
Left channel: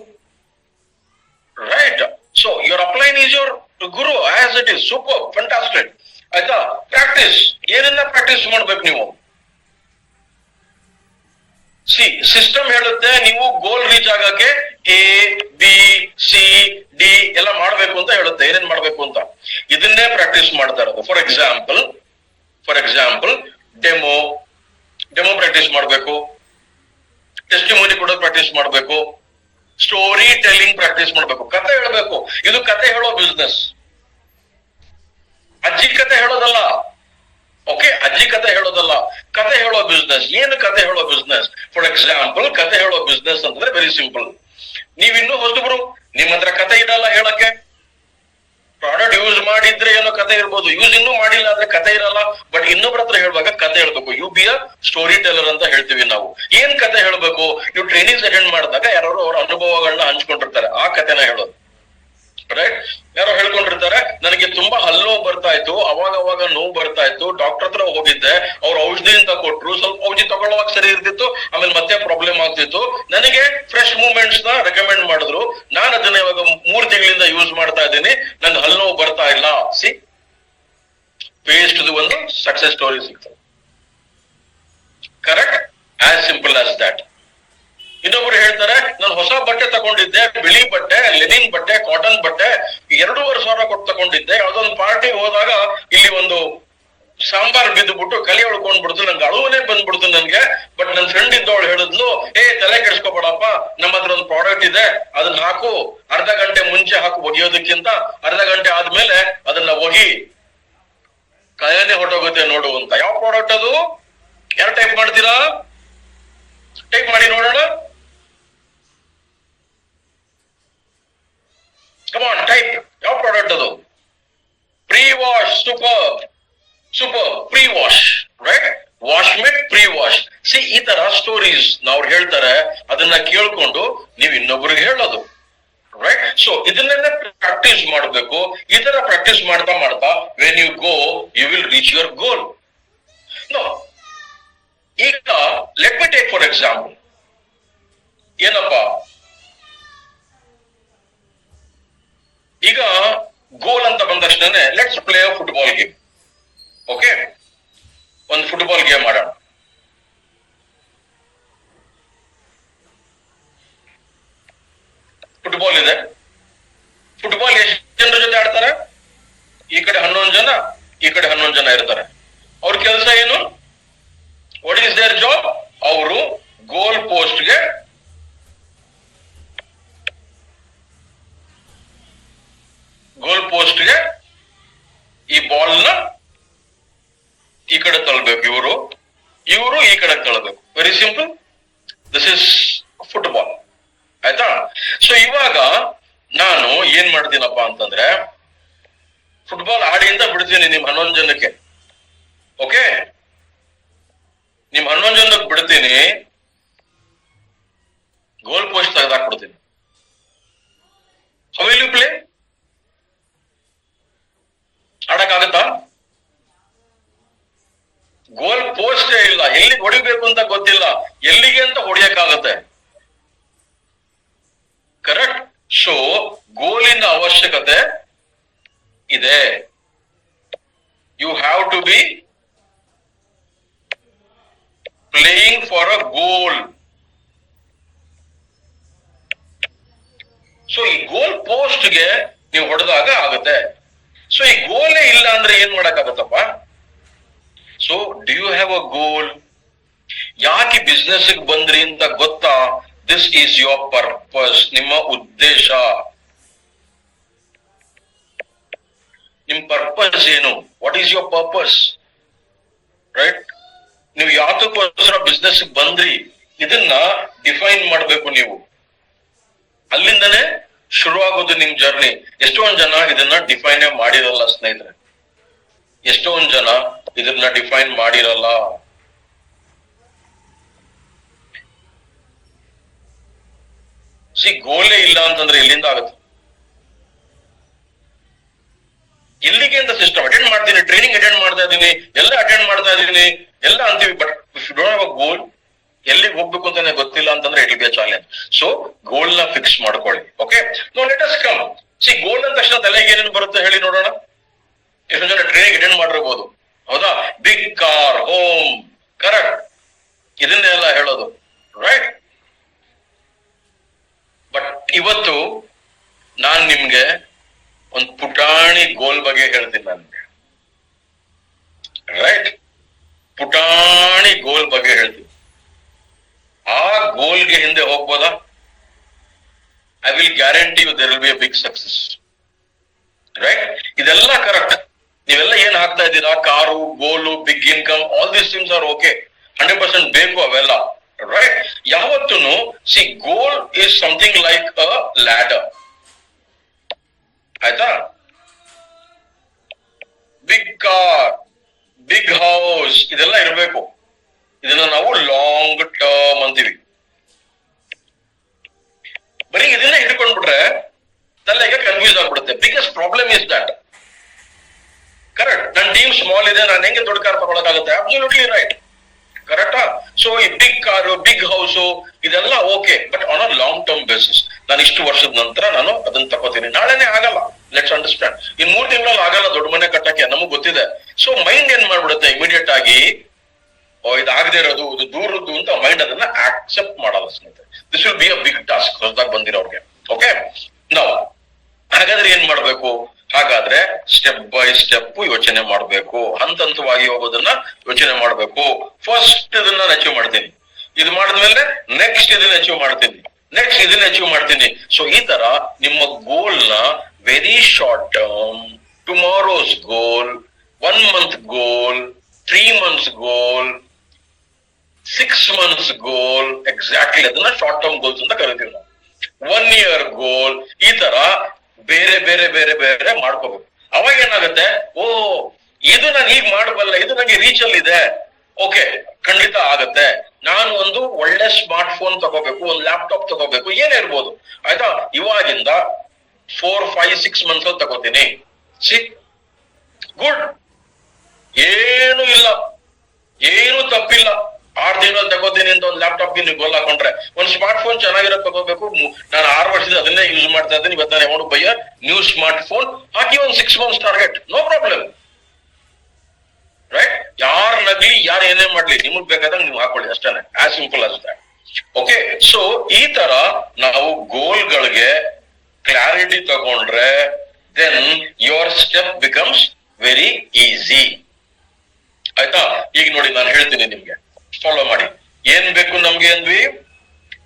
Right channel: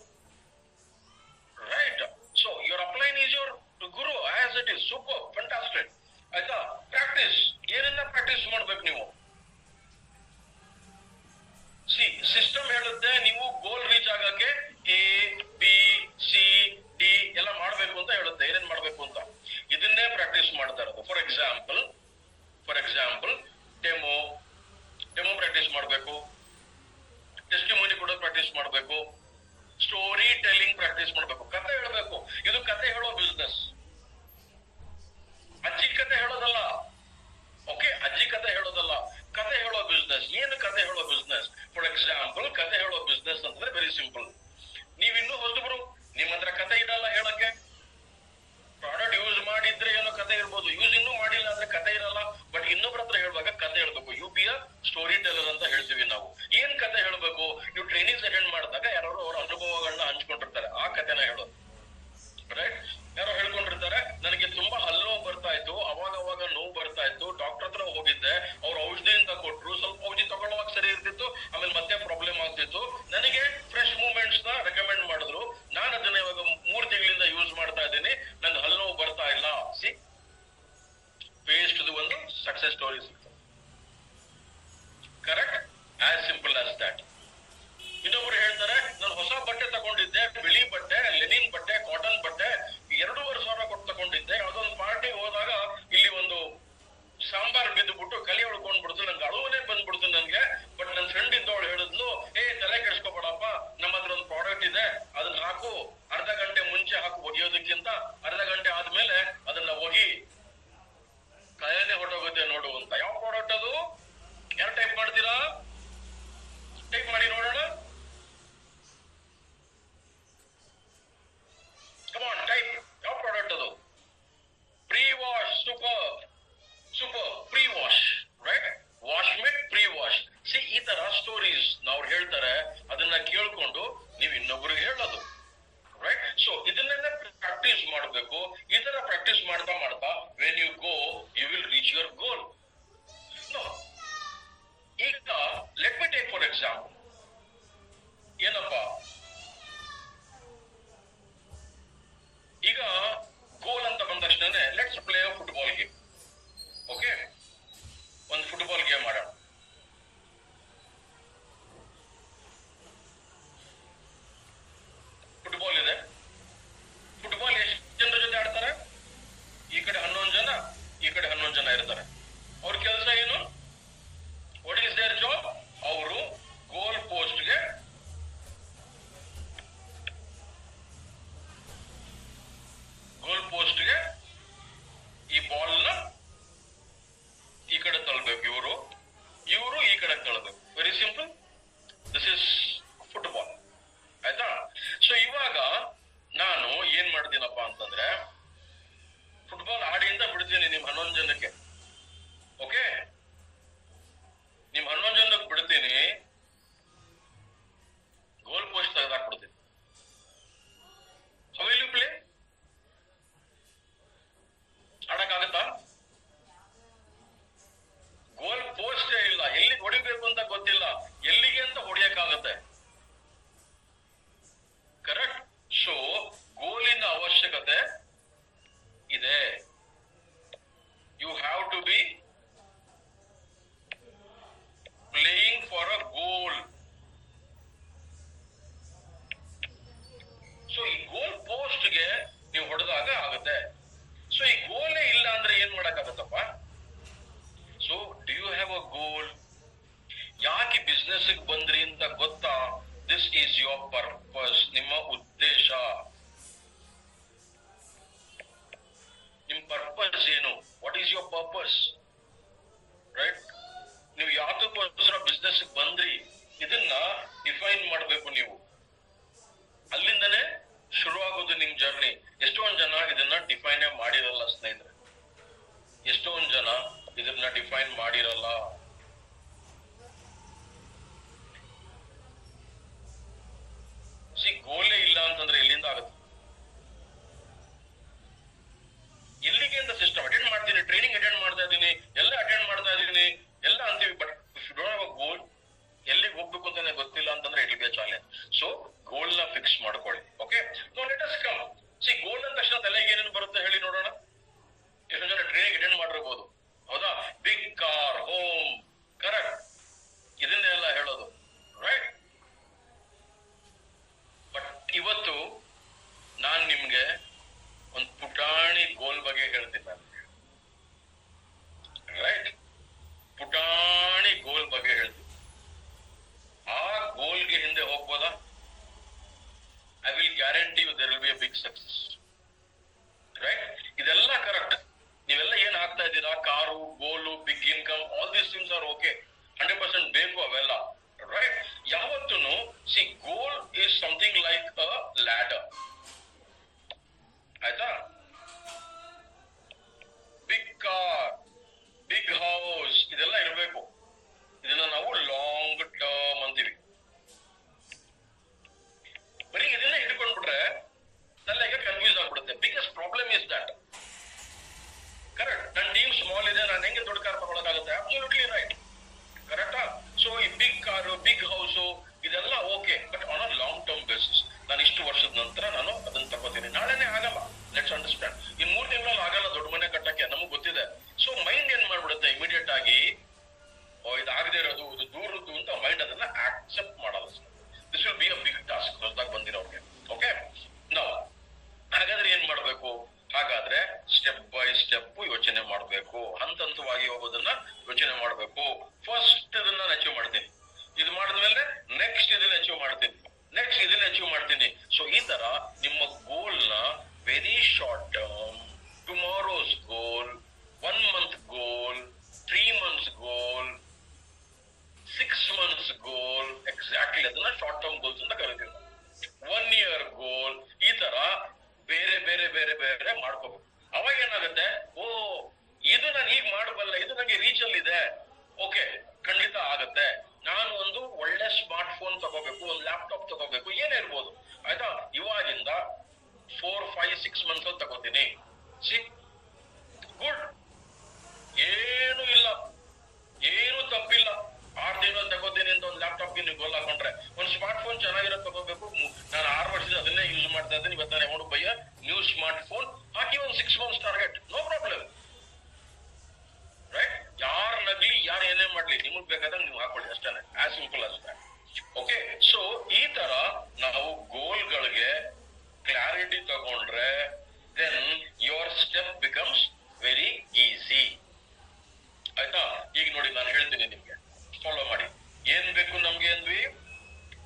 right? So your upline is your guru as it is. Super, fantastic. ಆಯ್ತಾ? ಪ್ರಾಕ್ಟೀಸ್, ಏನನ್ನ ಪ್ರಾಕ್ಟೀಸ್ ಮಾಡ್ಬೇಕು ನೀವು? ಸಿ, ಸಿಸ್ಟಮ್ ಹೇಳುತ್ತೆ ನೀವು ಗೋಲ್ ರೀಚ್ ಆಗಕ್ಕೆ ABCD ಎಲ್ಲ ಮಾಡ್ಬೇಕು ಅಂತ ಹೇಳುತ್ತೆ, ಏನೇನ್ ಮಾಡ್ಬೇಕು ಅಂತ. ಇದನ್ನೇ ಪ್ರಾಕ್ಟೀಸ್ ಮಾಡ್ತಾ ಇರೋದು. ಫಾರ್ ಎಕ್ಸಾಂಪಲ್ ಡೆಮೋ ಪ್ರಾಕ್ಟೀಸ್ ಮಾಡ್ಬೇಕು, ಟೆಸ್ಟಿಮೋನಿ ಕೊಡೋದು ಪ್ರಾಕ್ಟೀಸ್ ಮಾಡ್ಬೇಕು, ಸ್ಟೋರಿ ಟೆಲ್ಲಿಂಗ್ ಪ್ರಾಕ್ಟೀಸ್ ಮಾಡ್ಬೇಕು, ಕತೆ ಹೇಳ್ಬೇಕು. ಇದು ಕತೆ ಹೇಳೋ ಬಿಸ್ನೆಸ್, ಅಜ್ಜಿ ಕತೆ ಹೇಳೋದಲ್ಲ. ಓಕೆ, ಅಜ್ಜಿ ಕತೆ ಹೇಳೋದಲ್ಲ, ಕತೆ ಹೇಳೋ ಬಿಸ್ನೆಸ್. ಏನು ಕತೆ ಹೇಳೋ ಬಿಸ್ನೆಸ್? ಫಾರ್ ಎಕ್ಸಾಂಪಲ್, ಕತೆ ಹೇಳೋ ಬಿಸ್ನೆಸ್ ಅಂತಂದ್ರೆ ವೆರಿ ಸಿಂಪಲ್. ನೀವಿನ್ನೂ ಹೊಸಬ್ರು, ನಿಮ್ಮ ಹತ್ರ ಕತೆ ಇರಲ್ಲ ಹೇಳಕ್ಕೆ. ಪ್ರಾಡಕ್ಟ್ ಯೂಸ್ ಮಾಡಿದ್ರೆ ಏನೋ ಕತೆ ಇರ್ಬೋದು, ಯೂಸ್ ಇನ್ನೂ ಮಾಡಿಲ್ಲ ಅಂದ್ರೆ ಕತೆ ಇರಲ್ಲ. ಬಟ್ ಇನ್ನೊಬ್ರ ಹತ್ರ ಹೇಳುವಾಗ ಕತೆ ಹೇಳ್ಬೇಕು. You be a story teller ಅಂತ ಹೇಳ್ತೀವಿ ನಾವು. ಏನ್ ಕತೆ ಹೇಳ್ಬೇಕು? ನೀವು ಟ್ರೈನಿಂಗ್ಸ್ ಅಟೆಂಡ್ ಮಾಡಿದಾಗ ಯಾರು ಅವ್ರ ಅನುಭವಗಳನ್ನ ಹಂಚ್ಕೊಂಡಿರ್ತಾರೆ, ಆ ಕತೆನ ಹೇಳೋದು, ರೈಟ್? ಯಾರೋ ಹೇಳ್ಕೊಂಡಿರ್ತಾರೆ, ನನಗೆ ತುಂಬಾ ಹಲ್ಲೋವು ಬರ್ತಾ ಇತ್ತು, ಅವಾಗ ನೋವು ಬರ್ತಾ ಇತ್ತು, ಡಾಕ್ಟರ್ ಹತ್ರ ಹೋಗಿದ್ದೆ, ಅವ್ರು ಔಷಧಿ ಅಂತ ಕೊಟ್ರು, ಸ್ವಲ್ಪ ಔಷಧಿ ತಗೊಳ್ಳುವಾಗ ಸರಿ ಇರ್ತಿತ್ತು, ಆಮೇಲೆ ಮತ್ತೆ ಪ್ರಾಬ್ಲಮ್ ಆಗ್ತಿತ್ತು, ನನಗೆ ಫ್ರೆಶ್ ಮೂವ್ಮೆಂಟ್ಸ್ ನ ರೆಕಮೆಂಡ್ ಮಾಡಿದ್ರು, ನಾನು ಅದನ್ನ ಇವಾಗ 3 ತಿಂಗಳಿಂದ ಯೂಸ್ ಮಾಡ್ತಾ ಇದ್ದೀನಿ, ನನ್ಗೆ ಹಲ್ಲೋವು ಬರ್ತಾ ಇಲ್ಲ. ಸಿ, ಪೇಸ್ಟ್ ಒಂದು ಸಕ್ಸಸ್ ಸ್ಟೋರಿ ಸಿಗ್ತದೆ, correct? As simple as that. ಇನ್ನೊಬ್ರು ಹೇಳ್ತಾರೆ, ನಾನು ಹೊಸ ಬಟ್ಟೆ ತಗೊಂಡಿದ್ದೆ, ಬಿಳಿ ಬಟ್ಟೆ, ಲೆನಿನ್ ಬಟ್ಟೆ, ಕಾಟನ್ ಬಟ್ಟೆ, 2,500 ಕೊಟ್ಟು ತಗೊಂಡಿದ್ದೆ. ಯಾವ್ದೊಂದು ಪಾರ್ಟಿ ಹೋದಾಗ ಇಲ್ಲಿ ಒಂದು ಸಾಂಬಾರ್ ಬಿದ್ದುಬಿಟ್ಟು ಕಲಿ ಉಳ್ಕೊಂಡ್ಬಿಡ್ತು, ನಂಗೆ ಅಳುವನೇ ಬಂದ್ಬಿಡ್ತು ನನ್ಗೆ. ಬಟ್ ನನ್ನ ಫ್ರೆಂಡ್ ಇದ್ದವಳು ಹೇಳಿದ್ಲು, ತಲೆ ಕೆಡಿಸ್ಕೋಬೇಡಪ್ಪ, ನಮ್ಮ ಹತ್ರ ಒಂದು ಪ್ರಾಡಕ್ಟ್ ಇದೆ, ಅದನ್ನ ಹಾಕು, ಅರ್ಧ ಗಂಟೆ ಮುಂಚೆ ಹಾಕು ಒಗೆಯೋದಕ್ಕಿಂತ, ಅರ್ಧ ಗಂಟೆ ಆದ್ಮೇಲೆ ಅದನ್ನ ಒಗಿ, ಕೈಯನ್ನೇ ಹೊಟ್ಟೋಗುತ್ತೆ ನೋಡು ಅಂತ. ಯಾವ ಪ್ರಾಡಕ್ಟ್ ಅದು? ಯಾರು ಟೈಪ್ ಮಾಡ್ತೀರಾ? ಟೈಪ್ ಮಾಡಿ ನೋಡೋಣ. Come on, type. ಯಾವ ಪ್ರಾಡಕ್ಟ್ ಅದು? Prewash. Super, prewash, right? Washmate prewash. See, ಈ ತರ ಸ್ಟೋರೀಸ್ ಅವ್ರು ಹೇಳ್ತಾರೆ, ಅದನ್ನ ಕೇಳ್ಕೊಂಡು ನೀವು ಇನ್ನೊಬ್ರಿಗೆ ಹೇಳೋದು, ರೈಟ್? ಸೊ ಇದನ್ನೆಲ್ಲ ಪ್ರಾಕ್ಟೀಸ್ ಮಾಡಬೇಕು. ಈ ತರ ಪ್ರಾಕ್ಟೀಸ್ ಮಾಡ್ತಾ when you go you will reach your goal. ಈಗ let me take for example, ಏನಪ್ಪಾ, ಈಗ ಗೋಲ್ ಅಂತ ಬಂದ ತಕ್ಷಣ let's play a football game. Okay, ಒಂದು ಫುಟ್ಬಾಲ್ ಗೇಮ್ ಆಡೋಣ. ಫುಟ್ಬಾಲ್ ಇದೆ. ಫುಟ್ಬಾಲ್ ಎಷ್ಟು ಜನರ ಜೊತೆ ಆಡ್ತಾರೆ? ಈ ಕಡೆ 11 ಜನ, ಈ ಕಡೆ 11 ಜನ ಇರ್ತಾರೆ. ಅವ್ರ ಕೆಲಸ ಏನು? What is there job? ಅವರು ಗೋಲ್ ಪೋಸ್ಟ್ಗೆ ಈ ಬಾಲ್ ನ ಈ ಕಡೆ ತಳ್ಳಬೇಕು, ಇವರು ಈ ಕಡೆ ತಳ್ಳಬೇಕು. Very simple, this is football. ಆಯ್ತಾ? ಸೊ ಇವಾಗ ನಾನು ಏನ್ ಮಾಡ್ತೀನಪ್ಪ ಅಂತಂದ್ರೆ, ಫುಟ್ಬಾಲ್ ಆಡಿಯಿಂದ ಬಿಡ್ತೀನಿ ನಿಮ್ 11 ಜನಕ್ಕೆ. ಓಕೆ, ನಿಮ್ 11 ಜನಕ್ಕೆ ಬಿಡ್ತೀನಿ, ಗೋಲ್ ಪೋಸ್ಟ್ ತೆಗೆದಾಕ್ಬಿಡ್ತೀನಿ. How will you play? ಅವಶ್ಯಕತೆ ಇದೆ. You have to be playing for a goal. So ಈ ಗೋಲ್ ಪೋಸ್ಟ್ ಗೆ ನೀವು ಹೊಡೆದಾಗ ಆಗುತ್ತೆ. ಸೊ ಈ ಗೋಲೇ ಇಲ್ಲ ಅಂದ್ರೆ ಏನ್ ಮಾಡಕ್ಕಾಗತ್ತಪ್ಪ? So do you have a goal? ಯಾಕೆ ಬಿಸ್ನೆಸ್ ಬಂದ್ರಿ ಅಂತ ಗೊತ್ತಾ? This is your purpose. ನಿಮ್ಮ ಉದ್ದೇಶ, ನಿಮ್ ಪರ್ಪಸ್ ಏನು? What is your purpose? Right? ನೀವು ಯಾತಕ್ಕೋಸ್ಕರ ಬಿಸ್ನೆಸ್ ಬಂದ್ರಿ ಇದನ್ನ ಡಿಫೈನ್ ಮಾಡ್ಬೇಕು ನೀವು. ಅಲ್ಲಿಂದನೇ ಶುರುವಾಗೋದು ನಿಮ್ ಜರ್ನಿ. ಎಷ್ಟೊಂದ್ ಜನ ಇದನ್ನ ಡಿಫೈನ್ ಮಾಡಿರಲ್ಲ ಸ್ನೇಹಿತರೆ, ಎಷ್ಟೊಂದ್ ಜನ ಇದನ್ನ ಡಿಫೈನ್ ಮಾಡಿರಲ್ಲ. ಗೋಲೇ ಇಲ್ಲ ಅಂತಂದ್ರೆ ಎಲ್ಲಿಂದ ಆಗುತ್ತೆ? ಎಲ್ಲಿಗೆ ಅಂತ ಸಿಸ್ಟಮ್ ಅಟೆಂಡ್ ಮಾಡ್ತೀನಿ, ಟ್ರೈನಿಂಗ್ ಅಟೆಂಡ್ ಮಾಡ್ತಾ ಇದ್ದೀನಿ, ಎಲ್ಲ ಅಟೆಂಡ್ ಮಾಡ್ತಾ ಇದ್ದೀನಿ, ಎಲ್ಲ ಅಂತೀವಿ. But if you don't have a goal, ಎಲ್ಲಿಗೆ ಹೋಗ್ಬೇಕು ಅಂತಾನೆ ಗೊತ್ತಿಲ್ಲ ಅಂತಂದ್ರೆ it will be a challenge. So goal ನ ಫಿಕ್ಸ್ ಮಾಡ್ಕೊಳ್ಳಿ. Okay, no let us come. Goal ಅಂದ ತಕ್ಷಣ ತಲೆಗೆ ಏನೇನು ಬರುತ್ತೆ ಹೇಳಿ ನೋಡೋಣ. ಎಷ್ಟೋ ಜನ ಟ್ರೈನಿಂಗ್ ಅಟೆಂಡ್ ಮಾಡಿರ್ಬೋದು, ಹೌದಾ? ಬಿಗ್ ಕಾರ್, ಹೋಮ್, ಕರೆಕ್ಟ್, ಇದನ್ನೆಲ್ಲ ಹೇಳೋದು, ರೈಟ್? ಬಟ್ ಇವತ್ತು ನಾನ್ ನಿಮ್ಗೆ ಒಂದು ಪುಟಾಣಿ ಗೋಲ್ ಬಗ್ಗೆ ಹೇಳ್ತೀನಿ. ನನ್ಗೆ ರೈಟ್, ಪುಟಾಣಿ ಗೋಲ್ ಬಗ್ಗೆ ಹೇಳ್ತೀನಿ. ಆ ಗೋಲ್ಗೆ ಹಿಂದೆ ಹೋಗ್ಬೋದಾ? I will guarantee you there will be a big success. Right? ಇದೆಲ್ಲ ಕರೆಕ್ಟ್. ನೀವೆಲ್ಲ ಏನ್ ಹಾಕ್ತಾ ಇದ್ದೀರಾ, car, goal, big income, all these things are okay, 100% ಬೇಕು ಅವೆಲ್ಲ. ರೈಟ್? ಯಾವತ್ತೂ goal is something like a ladder. ಆಯ್ತಾ? ಬಿಗ್ ಕಾರ್, ಬಿಗ್ ಹೌಸ್, ಇದೆಲ್ಲ ಇರಬೇಕು. ಇದನ್ನ ನಾವು ಲಾಂಗ್ ಟರ್ಮ್ ಅಂತೀವಿ. ಬರೀ ಇದನ್ನೇ ಹಿಡ್ಕೊಂಡ್ಬಿಟ್ರೆ ತಲೆಗೆ ಕನ್ಫ್ಯೂಸ್ ಆಗ್ಬಿಡುತ್ತೆ. Biggest problem is that. Correct? ನನ್ನ ಟೀಮ್ ಸ್ಮಾಲ್ ಇದೆ, ನಾನು ಹೆಂಗೆ ದೊಡ್ಡ ಕಾರ್ ತಗೊಳಕಾಗುತ್ತೆ? Absolutely right. ಕರೆಕ್ಟಾ? ಸೊ ಈ ಬಿಗ್ ಕಾರು, ಬಿಗ್ ಹೌಸು ಇದೆಲ್ಲ okay, but on a long term basis. ನಾನು ಇಷ್ಟು ವರ್ಷದ ನಂತರ ನಾನು ಅದನ್ನ ತಗೋತೀನಿ. ನಾಳೆನೆ ಆಗಲ್ಲ, ಲೆಟ್ಸ್ ಅಂಡರ್ಸ್ಟ್ಯಾಂಡ್. ಇನ್ 3 ತಿಂಗಳಲ್ಲಿ ಆಗಲ್ಲ ದೊಡ್ಡ ಮನೆ ಕಟ್ಟಕ್ಕೆ, ನಮಗ್ ಗೊತ್ತಿದೆ. ಸೊ ಮೈಂಡ್ ಏನ್ ಮಾಡ್ಬಿಡುತ್ತೆ, ಇಮಿಡಿಯೇಟ್ ಆಗಿ ಇದಾಗದೇ ಇರೋದು, ಇದು ದೂರದ್ದು ಅಂತ ಮೈಂಡ್ ಅದನ್ನ ಆಕ್ಸೆಪ್ಟ್ ಮಾಡಲ್ಲ ಸ್ನೇಹಿತರೆ. This will be a big task ಹೊಸದಾಗಿ ಬಂದಿರೋರ್ಗೆ. ಓಕೆ, ನಾವು ಹಾಗಾದ್ರೆ ಏನ್ ಮಾಡ್ಬೇಕು? ಹಾಗಾದ್ರೆ ಸ್ಟೆಪ್ ಬೈ ಸ್ಟೆಪ್ ಯೋಚನೆ ಮಾಡ್ಬೇಕು, ಹಂತ ಹಂತವಾಗಿ ಹೋಗೋದನ್ನ ಯೋಚನೆ ಮಾಡ್ಬೇಕು. ಫಸ್ಟ್ ಇದನ್ನ ಅಚೀವ್ ಮಾಡ್ತೀನಿ, ಇದು ಮಾಡಿದ್ಮೇಲೆ ನೆಕ್ಸ್ಟ್ ಇದನ್ನ ಅಚೀವ್ ಮಾಡ್ತೀನಿ, ನೆಕ್ಸ್ಟ್ ಇದನ್ನ ಅಚೀವ್ ಮಾಡ್ತೀನಿ. ಸೊ ಈ ತರ ನಿಮ್ಮ ಗೋಲ್ ನ ವೆರಿ ಶಾರ್ಟ್ ಟರ್ಮ್, ಟುಮಾರೋಸ್ ಗೋಲ್, 1 ಮಂತ್ ಗೋಲ್, 3 ಮಂತ್ಸ್ ಗೋಲ್, 6 ಮಂತ್ಸ್ ಗೋಲ್, ಎಕ್ಸಾಕ್ಟ್ಲಿ ಅದನ್ನ ಶಾರ್ಟ್ ಟರ್ಮ್ ಗೋಲ್ಸ್ ಅಂತ ಕರಿತೀವಿ ನಾವು. 1 ಇಯರ್ ಗೋಲ್, ಈ ತರ ಬೇರೆ ಬೇರೆ ಬೇರೆ ಬೇರೆ ಮಾಡ್ಕೋಬೇಕು. ಅವಾಗ ಏನಾಗುತ್ತೆ, ಓ ಇದು ನಾನು ಹೀಗ್ ಮಾಡಬಲ್ಲ, ಇದು ನನಗೆ ರೀಚ್ ಅಲ್ಲಿ ಇದೆ. ಓಕೆ, ಖಂಡಿತ ಆಗತ್ತೆ. ನಾನು ಒಂದು ಒಳ್ಳೆ ಸ್ಮಾರ್ಟ್ ಫೋನ್ ತಗೋಬೇಕು, ಒಂದು ಲ್ಯಾಪ್ಟಾಪ್ ತಗೋಬೇಕು, ಏನೇ ಇರ್ಬೋದು. ಆಯ್ತಾ? ಇವಾಗಿಂದ 4, 5, 6 ಮಂತ್ಸ್ ಅಲ್ಲಿ ತಗೋತೀನಿ. ಗುಡ್, ಏನು ಇಲ್ಲ, ಏನು ತಪ್ಪಿಲ್ಲ. 6 ತಿಂಗಳಲ್ಲಿ ತಗೋತೀನಿ ಅಂತ ಒಂದು ಲ್ಯಾಪ್ಟಾಪ್ ನೀವು ಗೋಲ್ ಹಾಕೊಂಡ್ರೆ, ಒಂದು ಸ್ಮಾರ್ಟ್ ಫೋನ್ ಚೆನ್ನಾಗಿರೋ ತಗೋಬೇಕು. ನಾನು 6 ವರ್ಷದಿಂದ ಅದನ್ನೇ ಯೂಸ್ ಮಾಡ್ತಾ ಇದ್ದೀನಿ. ಇವತ್ತು ನಾನು amount buy new smart phone ಹಾಕಿ ಒಂದು 6 months target, no problem. Right? ಯಾರು ನಗ್ಲಿ, ಯಾರು ಏನೇ ಮಾಡ್ಲಿ, ನಿಮಗ್ ಬೇಕಾದಾಗ ನೀವು ಹಾಕೊಳ್ಳಿ, ಅಷ್ಟೇ. As simple as that. Okay, so ಈ ತರ ನಾವು ಗೋಲ್ಗಳಿಗೆ ಕ್ಲಾರಿಟಿ ತಗೊಂಡ್ರೆ then your step becomes very easy. ಆಯ್ತಾ? ಈಗ ನೋಡಿ, ನಾನು ಹೇಳ್ತೀನಿ ನಿಮ್ಗೆ, ಫಾಲೋ ಮಾಡಿ. ಏನ್ ಬೇಕು ನಮ್ಗೆ ಅಂದ್ವಿ?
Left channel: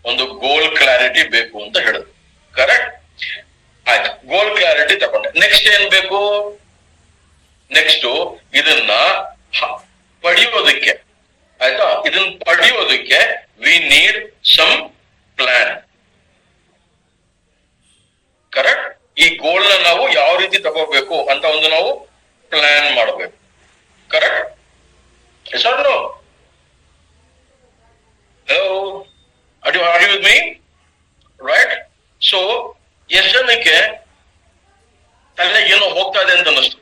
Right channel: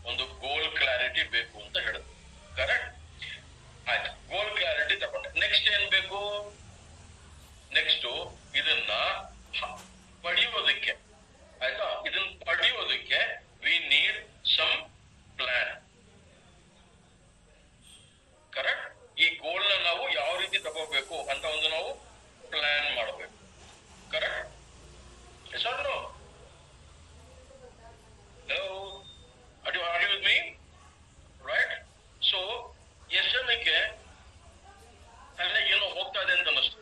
ಒಂದು ಗೋಲ್ ಕ್ಲಾರಿಟಿ ಬೇಕು ಅಂತ ಹೇಳಿದ್ರು. ಕರೆಕ್ಟ್? ಆಯ್ತು, ಗೋಲ್ ಕ್ಲಾರಿಟಿ ತಗೊಂಡೆ. ನೆಕ್ಸ್ಟ್ ಏನ್ ಬೇಕು? ನೆಕ್ಸ್ಟ್ ಇದನ್ನ ಪಡೆಯೋದಕ್ಕೆ, ಆಯ್ತಾ, ಇದನ್ನ ಪಡೆಯೋದಕ್ಕೆ we need some plan. Correct? ಈ ಗೋಲ್ ನ ನಾವು ಯಾವ ರೀತಿ ತಗೋಬೇಕು ಅಂತ ಒಂದು ನಾವು ಪ್ಲಾನ್ ಮಾಡಬೇಕು. Correct? Yes or no? Hello? Are you with me? Right? So, ಎಷ್ಟು ಜನಕ್ಕೆ ತಲೆ ಏನೋ ಹೋಗ್ತಾ ಇದೆ ಅಂತ ಅನ್ನಿಸ್ತು.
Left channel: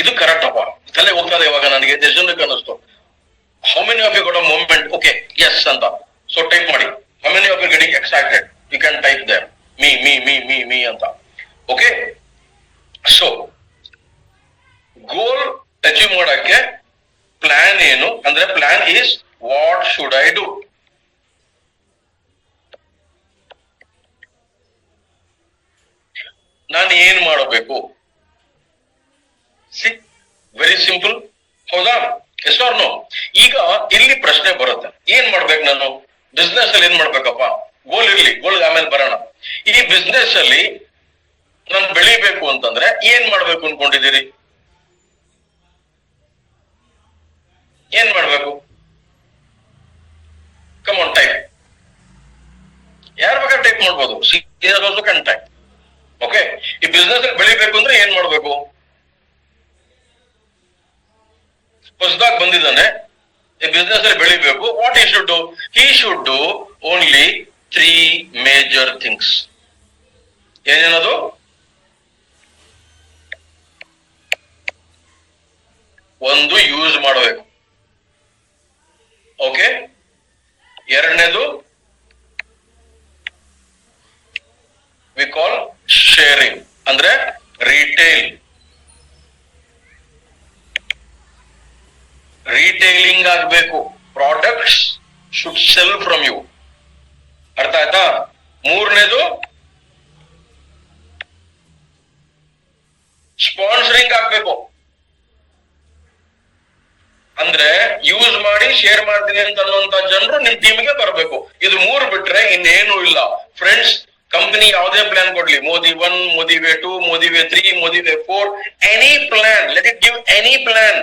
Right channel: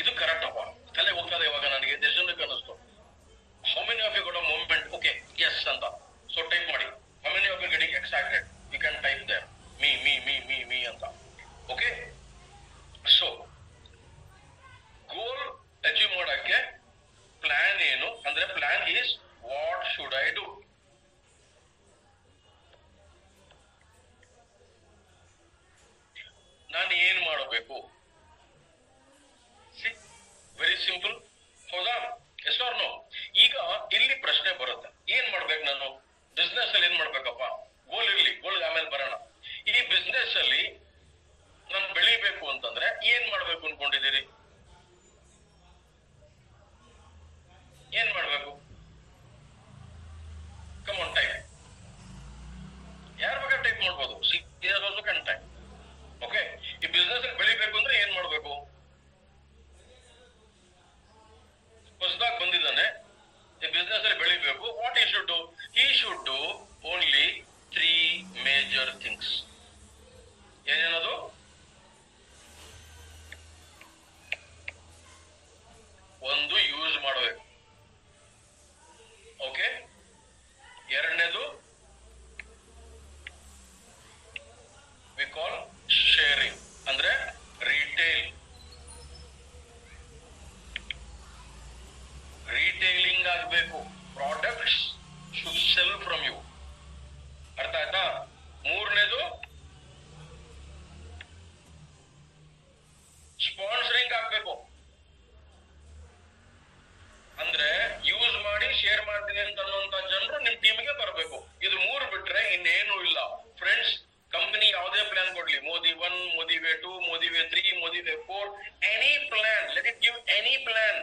ಇದು ಕರೆಕ್ಟ್ ಅಪ್ಪ, ತಲೆ ಹೋಗ್ತಾ ಇದೆ ಇವಾಗ ನನಗೆ, ಎಷ್ಟು ಜನಕ್ಕೆ ಅನ್ನಿಸ್ತು? How many of you got a moment? Okay, yes ಅಂತ. So type ಮಾಡಿ. How many of you getting excited? You can type there. Me ಅಂತ. ನಾನು ಏನ್ ಮಾಡಬೇಕು? ಸಿ, ವೆರಿ ಸಿಂಪಲ್, ಹೌದಾ? Yes or no? ಈಗ ಇಲ್ಲಿ ಪ್ರಶ್ನೆ ಬರುತ್ತೆ, ಏನ್ ಮಾಡ್ಬೇಕು ನಾನು ಬಿಸ್ನೆಸ್ ಅಲ್ಲಿ? ಏನ್ ಮಾಡ್ಬೇಕಪ್ಪ? ಗೋಲ್ ಇರ್ಲಿ, ಗೋಲ್ ಆಮೇಲೆ ಬರೋಣ. ಈ ಬಿಸ್ನೆಸ್ ಅಲ್ಲಿ ನಾನು ಬೆಳಿಬೇಕು ಅಂತಂದ್ರೆ ಏನ್ ಮಾಡ್ಬೇಕು ಅನ್ಕೊಂಡಿದ್ದೀರಿ? ಏನ್ ಮಾಡ್ಬೇಕು? Come on, type. ಯಾರ ಬೇಕಾದ್ರೆ ಟೈಪ್ ಮಾಡ್ಬೋದು. ಟೈಪ್. ಓಕೆ, ಈ ಬಿಸ್ನೆಸ್ ಅಲ್ಲಿ ಬೆಳಿಬೇಕು ಅಂದ್ರೆ ಏನ್ ಮಾಡ್ಬೇಕು? ಹೊಸದಾಗಿ ಬಂದಿದ್ದಾನೆ, ಈ ಬಿಸ್ನೆಸ್ ಅಲ್ಲಿ ಬೆಳಿಬೇಕು. What he should do? He should do only 3 major things. ಏನೇನದು? ಒಂದು, ಯೂಸ್ ಮಾಡಬೇಕು. ಓಕೆ. ಎರಡನೇದು ವಿ ಕಾಲ್ ಶೇರಿಂಗ್, ಅಂದ್ರೆ ರಿಟೇಲ್. ರಿಟೇಲಿಂಗ್ ಆಗ್ಬೇಕು. Products should sell from you. ಅರ್ಥ ಆಯ್ತಾ? ಮೂರನೇದು ಸ್ಪಾನ್ಸರಿಂಗ್ ಆಗ್ಬೇಕು. ಅಂದ್ರೆ ಯೂಸ್ ಮಾಡಿ ಶೇರ್ ಮಾಡ್ತೀನಿ ಅಂತ ಅನ್ನುವಂತ ಜನರು ನಿಮ್ ಟೀಮ್ಗೆ ಬರಬೇಕು. ಇದು 3 ಬಿಟ್ರೆ ಇನ್ನೇನು ಇಲ್ಲ ಫ್ರೆಂಡ್ಸ್. ಕಂಪನಿ ಯಾವುದೇ ಪ್ಲಾನ್ ಕೊಡ್ಲಿ, Modi 1, Modi way 2, Modi way 3, Modi way 4, any plan, let it give any plan.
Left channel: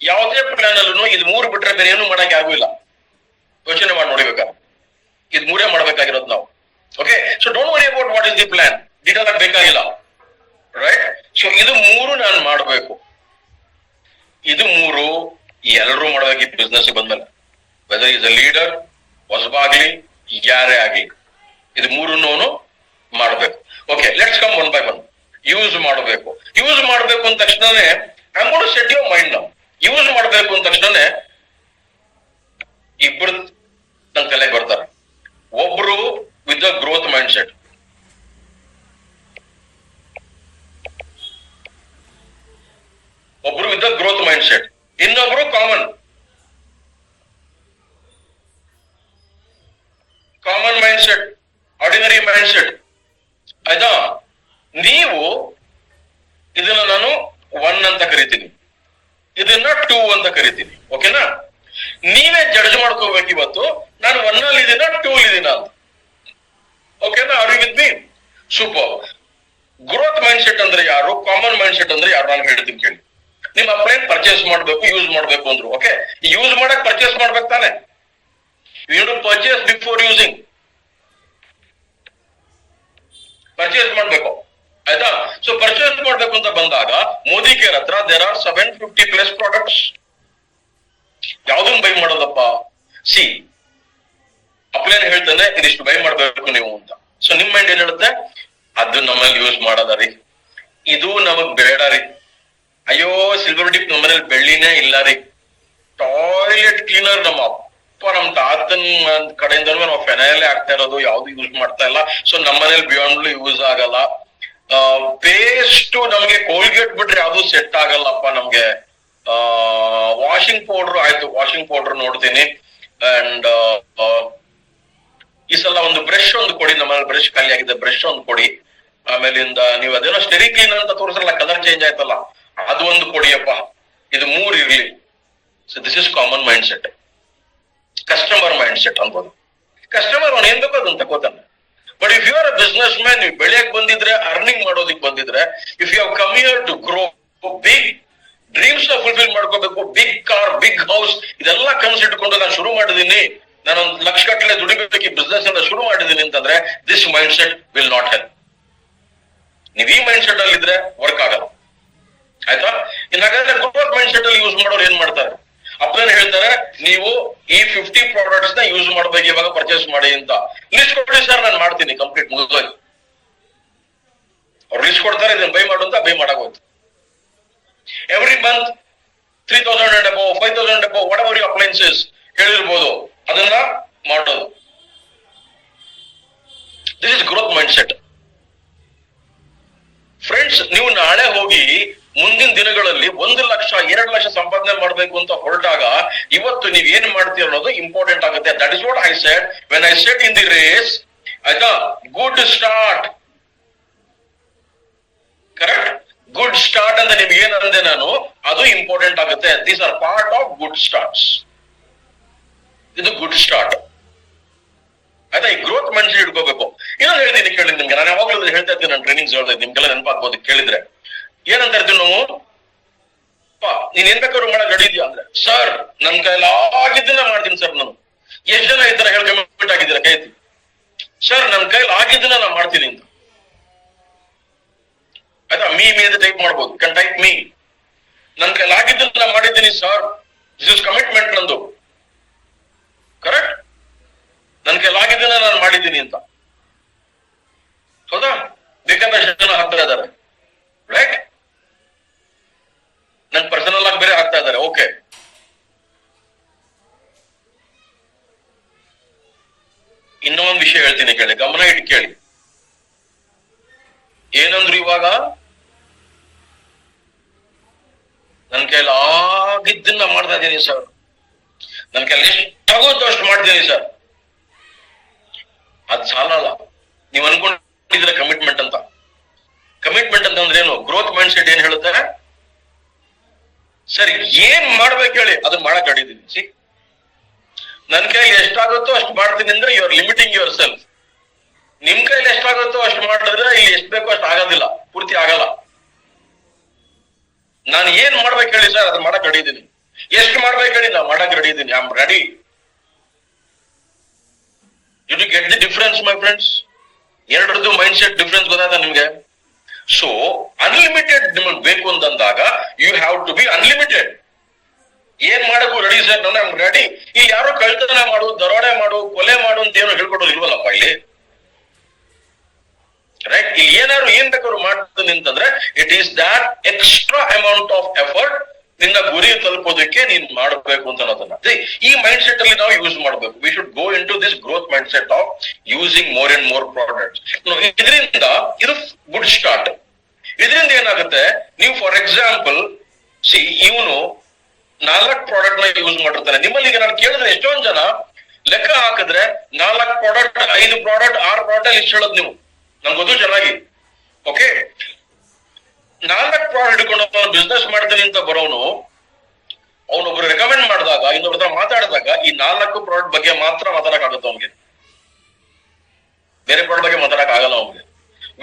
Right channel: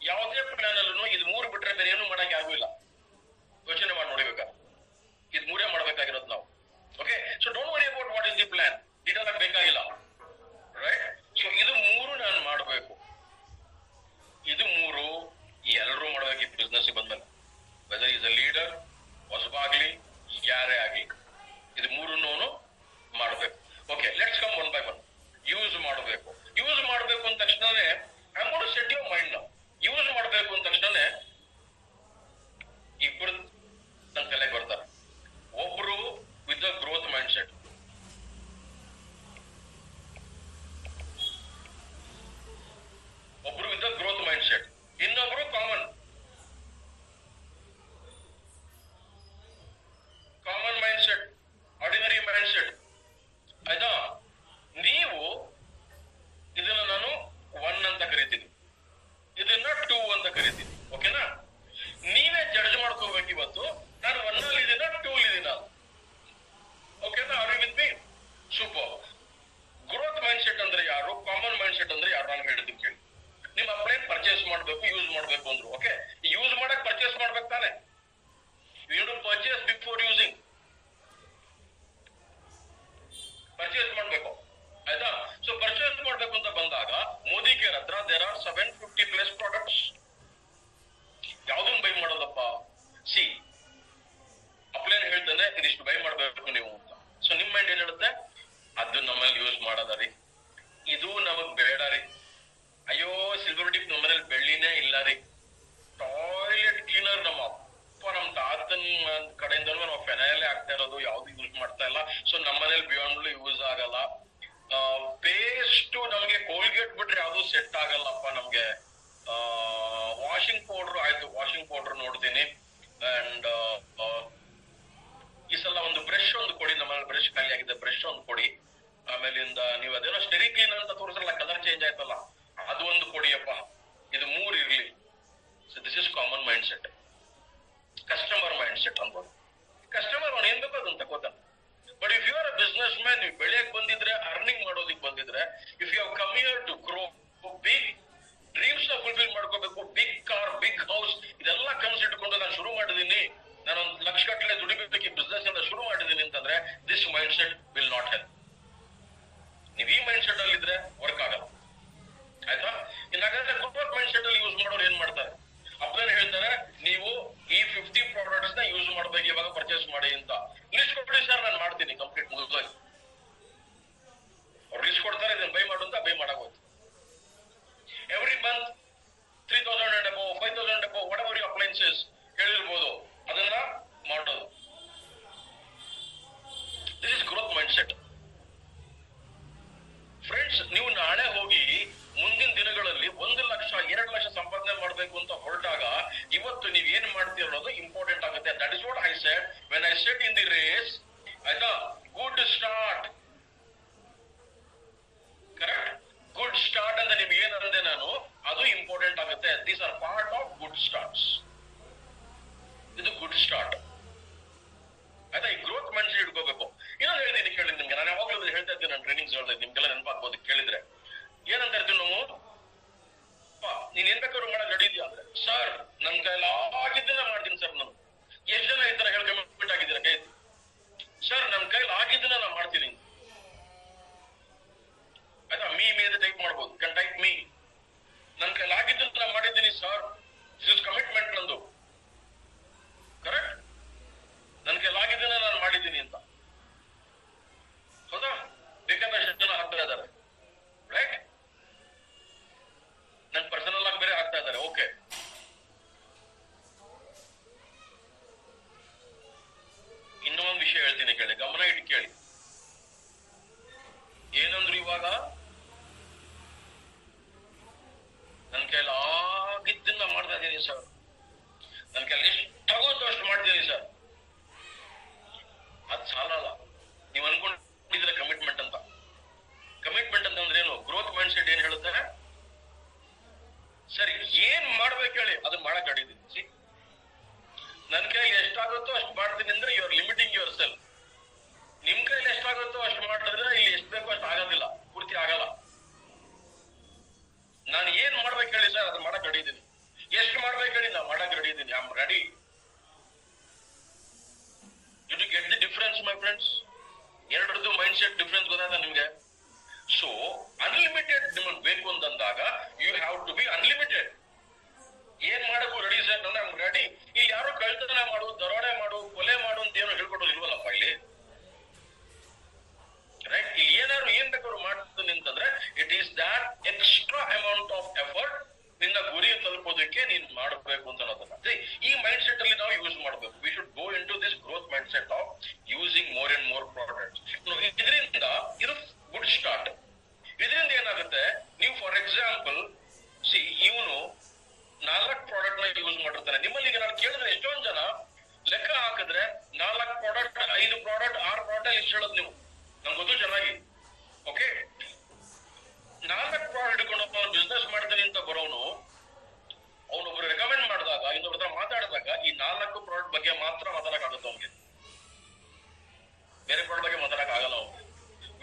ಯಾವುದೇ ಪ್ಲಾನ್ ಅಲ್ಲೂ ಇದು 3 ಬಿಟ್ರೆ ಬೇರೆ ಏನು ಮಾಡಕ್ ಆಗೂ ಇಲ್ಲ. ಯೋಚನೆ ಮಾಡಿ ನೋಡಿಬೇಕಾದ್ರೆ ಇದು 3 ಮಾಡ್ಬೇಕಾಗಿರೋದು ನಾವು. Okay, so don't worry about what is the plan, detail ಆಗಿ ಬೇಕಾಗಿಲ್ಲ, ರೈಟ್? ಸೊ ಇದು 3 ನಾನು ಮಾಡಬೇಕು. ಇದು 3 ಎಲ್ಲರೂ ಮಾಡಬೇಕು ಈ ಬಿಸ್ನೆಸ್ ಬಂದ್ಮೇಲೆ, ವೆದರ್ ಈಸ್ ಅ ಲೀಡರ್, ಹೊಸಬಾಗ್ಲಿ, ಯಾರೇ ಆಗ್ಲಿ, ಇದು 3 ಮಾಡಬೇಕು. Okay, let's come 1 by 1. Use ಮಾಡಬೇಕು. ಯೂಸ್ ಮಾಡಬೇಕು ಅಂದ ತಕ್ಷಣನೇ I am got to set your mind now. Use ಮಾಡಬೇಕು ಅಂದ ತಕ್ಷಣನೇ ಇಬ್ರು ನನ್ನ ತಲೆಗೆ ಬರ್ತಾರೆ. ಒಬ್ರು with the growth mind set, ಒಬ್ರು with the growth mind set, ಇನ್ನೊಬ್ರು common mind set, ordinary mindset. ಆಯ್ತಾ? ನೀವು ಇದನ್ನ ನಾನು 1 ಅಂತ ಕರಿತೀನಿ, ಇದನ್ನ 2 ಅಂತ ಕರಿತೀನಿ. ಓಕೆನಾ? ನೀವೇ ಜಡ್ಜ್ ಮಾಡ್ಕೋಬೇಕು ಇವತ್ತು, ನಾನು 1 ಅಲ್ಲಿ ಇದೀನ 2 ಅಲ್ಲಿ ಇದೀನ ಅಂತ. ಓಕೆನಾ? Are you with me? Super. Growth mind set ಅಂದ್ರೆ ಯಾರು, ಕಾಮನ್ ಮೈಂಡ್ ಸೆಟ್ ಅಂದ್ರೆ ಯಾರು, ನಾನು ಹೇಳ್ತೀನಿ ಕೇಳಿ. ನಿಮ್ಮ ಅಪ್ಲೈನ್ ಪರ್ಚೇಸ್ ಮಾಡ್ಬೇಕು, ಯೂಸ್ ಮಾಡ್ಬೇಕು ಅಂದ್ರು. ಓಕೆ, ಯೂಸ್ ಮಾಡಕ್ ಪರ್ಚೇಸ್ ಮಾಡ್ಬೇಕು ತಾನೆ? You to purchase before using. Purchase ಮಾಡ್ಬೇಕು, ಆಯ್ತಾ? ಸೊ ಪರ್ಚೇಸ್ ಮಾಡ್ಬೇಕು ಅಂತ ಬಂದಾಗ ಮೋದಿ ಕೇರ್ ಹತ್ರ ದೇರ್ ಆರ್ 750+ ಪ್ರಾಡಕ್ಟ್ಸ್. ಯಾವ್ದನ್ನ ಬೈ ಮಾಡೋದಪ್ಪ? ಸಿ, ಅಪ್ಲೈನ್ ಹೇಳ್ತಾನೆ ಇದಿಷ್ಟು ಬೈ ಮಾಡ್ಬೇಕು ನೀವು ಅಂತ. ಸೊ ನಿಮ್ ಮೈಂಡ್ ಏನ್ ಹೇಳುತ್ತೆ? ಅದು ನಮ್ಮಲ್ಲಿ ಯೂಸ್ ಮಾಡೋದ ರೀ, ಇದು ನಮಗ್ ಬೇಡ ರೀ, ಅಯ್ಯೋ ಸಿಲ್ವರ್ ಡಿಪ್ ನಮ್ಮನೇಲಿ ಬೆಳ್ಳಿನೇ ಇಲ್ಲ ರೀ, ಟಾಯ್ಲೆಟ್ ಕ್ಲೀನರ್ ನಮ್ಮ ಅಪ್ಪ ನಮ್ ತಾತನ್ ಕಡೆಯಿಂದನೂ ನಾವು ಫೆನೈಲ್ ಆಗ್ತಾ ಇರೋದು, ಯಾವ್ದು ಯೂಸ್ ಮಾಡ್ತಾ ಇಲ್ಲ, ಸೊ ನಮ್ಮನೇಲಿ ಬಿಯಾಂಡ್ಲು ಯೂಸ್ ಆಗಲ್ಲ. ಪೇಸ್ಟ್ ನಮ್ಗೆ ಕೋಲ್ಗೇಟ್ ಬಿಟ್ರೆ ಯಾವ್ದು ಸೆಟ್ ಆಗಲ್ಲಪ್ಪ ನಮ್ಗೆ. ವಾಷಿಂಗ್ ಪೌಡರ್ ಆಯ್ತು, ವಾಷಿಂಗ್ ಪೌಡರ್ ನೋಡ್ತೀನಿ. ಅಂಡ್ ಈ ಸಲ ಒಂದು ಬ್ರಷ್ ಒಂದು ಕೊಡಿ, ನಮ್ಮಲ್ಲಿ ಬ್ರಷ್ ಖಾಲಿ ಆಗಿದೆ, ಬ್ರಷ್ ಒಂದು ಕೊಡಿ. ಆಮೇಲಿಂದ ನೀವು ಅದೇನೋ ಸ್ಟೆರಿ ಕ್ಲೀನರ್ ಅಂತ ತೋರಿಸಲ್ಲ, ಕಲರ್ ಚೇಂಜ್ ಆಯ್ತಲ್ಲ, ಅದು ಒಂದು ಕೊಡಿಯಪ್ಪ. ಇದು 3 ಇರ್ಲಿ. So this is common mind set. Customer mind set ಅನ್ಬೋದು. ಕಸ್ಟಮರ್ ಅವ್ನು ಏನ್ ಬೇಕೋ ಅದನ್ನ ತಗೋತಾನೆ. But if you are a business man, ನೀವು ಬೆಳೆಯಕ್ ಬಂದಿದ್ರೆ, ಅರ್ನಿಂಗ್ ಮಾಡೋದಿಕ್ ಬಂದಿದ್ರೆ, if you have come here to grow, big dreams ನ ಫುಲ್ಫಿಲ್ ಮಾಡ್ಕೋಬೇಕು, ಬಿಗ್ ಕಾರ್, ಬಿಗ್ ಹೌಸ್, ಇದೆಲ್ಲ ಕನಸು ಇಟ್ಕೊಂಡು ನಾನು ಶುರು ಮಾಡಿದೀನಿ, ನಾನೊಂದು ಲಕ್ಷ ಗಟ್ಟಲೆ ದುಡಿಬೇಕು ಈ ಬಿಸ್ನೆಸ್ ಇಂದ ಶುರು ಮಾಡಿದೀನಿ ಅಂತಂದ್ರೆ this mind set will not help. ನೀವ್ ಈ ಮೈಂಡ್ ಸೆಟ್ ಅಲ್ಲಿ ಇದ್ರೆ ವರ್ಕ್ ಆಗಲ್ಲ, ಆಯ್ತಾ? ಇನ್ ಹಾಗಾದ್ರೆ ಗ್ರೋತ್ ಮೈಂಡ್ ಸೆಟ್ ಅಲ್ಲಿ ಯೂಸ್ ಮಾಡೋರು ಏನ್ ಮಾಡ್ತಾರೆ? ಅಪ್ಲೈನ್ ಹೇಳ್ತಾರೆ, ನೀವು ಈ 50 ಪ್ರಾಡಕ್ಟ್ಸ್ ನ ಯೂಸ್ ಮಾಡ್ಬೇಕು, ಇವಾಗ ಪರ್ಚೇಸ್ ಮಾಡಿ ಅಂತ. ಲಿಸ್ಟ್ ಕೊಡಿ ಸರ್, ನಾನು ಮಾಡ್ತೀನಿ, ಕಂಪ್ಲೀಟ್ ಮುಗಿದೋಯ್ತು. ಅವ್ರು ಲಿಸ್ಟ್ ಕೊಡ್ತಾರೆ, ಇದನ್ನ ಬೈ ಮಾಡು ಅಂತ, ಬೈ ಮಾಡಾಗೋಯ್ತು. Every month 3,000 and above, 5,000 and above, whatever your appliances ಹೇಳಿರ್ಬೋದು, ಅದನ್ನ ಮಾಡೋದು. This is growth mind set. Friends, ನೀವು ನಾಳೆ ಹೋಗಿ ಮುಂದಿನ ದಿನಗಳಲ್ಲಿ 1 ಲಕ್ಷ 2 ಲಕ್ಷ ಸಂಪಾದನೆ ಮಾಡ್ಬೇಕು ಅಂತ ಹೊರಟಾಗ ಇವತ್ತು ನೀವ್ ಏನ್ ಮಾಡ್ತೀರ ಅನ್ನೋದು ಇಂಪಾರ್ಟೆಂಟ್ ಆಗುತ್ತೆ. That is what I said when I set in the race. ಆಯ್ತಾ? ಗುಡ್ ಸ್ಟಾರ್ಟ್, ಸ್ಟಾರ್ಟ್ ಅಂತ ನಿಮ್ಗೆ ಏನಂದೆ ನಾನು, ಅದು ಇಂಪಾರ್ಟೆಂಟ್ ಆಗುತ್ತೆ. These are part of good starts. ಇದು ಗುಡ್ ಸ್ಟಾರ್ಟ್ ಆಯ್ತಾ. ಈ ಗ್ರೋತ್ ಮೈಂಡ್ ಸೆಟ್ ಇಟ್ಕೋಬೇಕು. ಇನ್ನೊಂದು ಹೇಳ್ತೀನಿ ಕೇಳಿ ನಿಮ್ಗೆ, ನಾನು ಯಾವಾಗಲೂ ಹೇಳ್ತಾ ಇದ್ದೀನಿ, ನಾನು ಟ್ರೈನಿಂಗ್ಸ್ ಹೇಳ್ತಾ ಇದ್ದೀನಿ, ನಿಮ್ಗೆಲ್ಲ ನೆನಪಾಗ್ಬೋದು ಕೇಳಿದ್ರೆ. ಏನಂತ ಇರ್ತೀವಿ ನಾವು, ನೀನ್ ಏನ್ ಬೇಕಾದ್ರು ಮಾಡಕ್ ರೆಡಿ ಇದೆಯಾ ಅಂದ್ರೆ, ಸರ್ ನನ್ ಕೈಲಿ ಆಗಿದ್ದನ್ನ ಮಾಡ್ತೀನಿ ಸರ್. ನಾನು ಎಷ್ಟ್ ಜನ ಈ ತರ ಹೇಳಿ ಕಮಿಟ್ ಆಗಿದ್ದೀರಾ ಕೈ ಎತ್ತಿ. ಸರ್ ನನ್ ಕೈಲಿ ಆಗಿದ್ದನ್ನ ನಾನು ಮಾಡ್ತೀನಿ ಅಂತ ಆಯ್ತಾ. ಮೀ ಅಂತ ಟೈಪ್ ಮಾಡ್ಬೋದು, ಕ್ಯಾನ್ ಟೈಪ್ ಮೀ. ನನ್ ಕೈಲಿ ಆಗಿದ್ದನ್ನ ನಾನು ಮಾಡಿದ್ದೀನಿ ಸರ್, ದಿಸ್ ಇಸ್ ಕಮಿಟ್ಮೆಂಟ್ ನಂದು. ಕರೆಕ್ಟ್, ನನ್ ಕೈಲಾಗಿದ್ದನ್ನ ನಾನು ಮಾಡಿದ್ದೀನಿ ಅಂತ. ಹೌದಾ? ಬೇಕಾದಷ್ಟು ಜನ ಹಾಕ್ತಾ ಇದ್ದಾರೆ, ರೈಟ್? ನನ್ ಪರ್ಸನಲ್ ಆಗಿ ಬೇರೆ ಹಾಕ್ತಾ ಇದ್ದಾರೆ. ಓಕೆ, ಇನ್ನೊಂದು ವಿಷಯ ಹೇಳ್ತೀನಿ ಕೇಳಿ, ಗಮನ ಇಟ್ಟು ಕೇಳಿ. ಏನಂದ್ರು ಇವಾಗ, ನನ್ ಕೈಲಿ ಆಗಿದ್ದನ್ನ ಮಾಡ್ತಾ ಇದ್ದೀನಿ ಸರ್, ನನ್ ಕೈಲಿ ಎಷ್ಟಾಗುತ್ತೋ ಅಷ್ಟು ಮಾಡ್ತೀನಿ ಸರ್. ಅದ್ ಸಾಲಲ್ಲ. ನೀವ್ ಅನ್ಕೊಂಡಿದ್ರೆ ಕಮಿಟ್ಮೆಂಟ್ ಅಂತ. ಕಮಿಟ್ಮೆಂಟ್ ಅಂತಂದ್ರೆ ಏನು? ಗ್ರೋತ್ ಮೈಂಡ್ ಸೆಟ್ ಏನ್ ಹೇಳುತ್ತೆ, ಸರಿ ಏನ್ ಮಾಡ್ಬೇಕು ಹೇಳಿ ಅದನ್ನ ಮಾಡಕ್ ಅಡಿದೀನಿ. ಸಿ, ನನ್ ಕೈಲಿ ಎಷ್ಟಾಗುತ್ತೋ ಅಷ್ಟು ಮಾಡ್ತೀನಿ ಅಂದ್ರೆ you are limiting yourself. ನಿಮ್ ಕೈಲಿ ಎಷ್ಟಾಗುತ್ತೋ ಅಷ್ಟು ಮಾಡಿದ್ರೆ ಇಲ್ಲಿ ಎಷ್ಟು ಬೇಕೋ ಅಷ್ಟು ಆಗೋದಿಲ್ಲ, ಪೂರ್ತಿ ಆಗಲ್ಲ. ನಾನು ಏನ್ ಮಾಡ್ಬೇಕು ಹೇಳಿ ಸರ್, ಅದನ್ನ ಮಾಡಕ್ ರೆಡಿ ಇದೀನಿ. ಎಷ್ಟು ಮಾಡ್ಬೇಕು ಹೇಳಿ, ನಾ ಮಾಡಕ್ ರೆಡಿ ಇದೀನಿ. I am ready. Did you get the difference my friends? ಎರಡರದ್ದು ಮೈಂಡ್ ಸೆಟ್ ಡಿಫರೆನ್ಸ್ ಗೊತ್ತಾಯ್ತಾ ನಿಮ್ಗೆ? ಸೊ ಅನ್ಲಿಮಿಟೆಡ್ ನಿಮಗೆ ಬೇಕು ಅಂತಂದಾಗ you have to be unlimited. ಏನ್ ಮಾಡಕ್ಕೂ ರೆಡಿ ಸರ್, ನಾನು ಐ ಆಮ್ ರೆಡಿ. ಇಲ್ಲಿ ಯಾರೋ ಕಳ್ತನ ಮಾಡು, ದರೋಡೆ ಮಾಡು, ಕೊಲೆ ಮಾಡು ಅಂತ ಏನೋ ಹೇಳ್ಕೊಡೋದು ಇಲ್ವಲ್ಲಪ್ಪ ಇಲ್ಲಿ, ರೈಟ್? ಇಲ್ಲಿ ಏನಾದ್ರು ಏನ್ ಬೇಕಾದ್ರು ಮಾಡ್ತೀನಿ ಅಂತಂದ್ರೆ it is that extra amount of effort ನಿನ್ನ ಗುರಿ ತಲುಪೋದಕ್ಕೆ ನೀನ್ ಮಾಡಬೇಕು ಅಂತ ಅನ್ನೋದನ್ನ ಈ ಮೈಂಡ್ ಸೆಟ್ ಅಲ್ಲಿ ನಾವು ಯೂಸ್ ಮಾಡಬೇಕು. We should go into this growth mind set of using more and more products. ಇದರಿಂದ ಇದು ಗುಡ್ ಸ್ಟಾರ್ಟ್. ಇದರಿಂದ ಏನಾಗುತ್ತೆ, ನೀವು ಫಾರ್ ಎಕ್ಸಾಂಪಲ್ ಸಿ, ಇವನು 4 ಪ್ರಾಡಕ್ಟ್ ನ ಯೂಸ್ ಮಾಡಿರ್ತಾನೆ. ನಿಮ್ಮಲ್ಲಿ ಈಗ ನಾನು ಕೇಳಿದ್ರೆ ಎಷ್ಟೊಂದ್ ಜನ ಲೆಕ್ಕ ಹಾಕಿದ್ರೆ 4 ಪ್ರಾಡಕ್ಟ್, 5 ಪ್ರಾಡಕ್ಟ್, 6 ಪ್ರಾಡಕ್ಟ್ ಲಿಸ್ಟ್ ಹೇಳೋದು ನೀವು, ನಂಗೆ ಗೊತ್ತು ಚೆನ್ನಾಗಿ. ಓಕೆ, 4 ಪ್ರಾಡಕ್ಟ್ ಹಿಡ್ಕೊಂಡು ಬಿಸ್ನೆಸ್ ಮಾಡ್ತೀನಿ ಅಂತ ಬರೋನು, ಅವನೊಬ್ರು ರೆಕಮೆಂಡ್ ಮಾಡಿದಾಗ, ಇನ್ನೊಬ್ರ ಹತ್ರ ಮಾತಾಡಿದಾಗ ಈ 4 ಪ್ರಾಡಕ್ಟ್ ಬಗ್ಗೆ ಮಾತ್ರ ಮಾತಾಡಕ್ ಆಗುತ್ತೆ ಅವನಿಗೆ, ಬೇರೆ ಪ್ರಾಡಕ್ಟ್ ಬಗ್ಗೆ ಮಾತಾಡಕ್ ಆಗಲ್ಲ ಅವನಿಗೆ.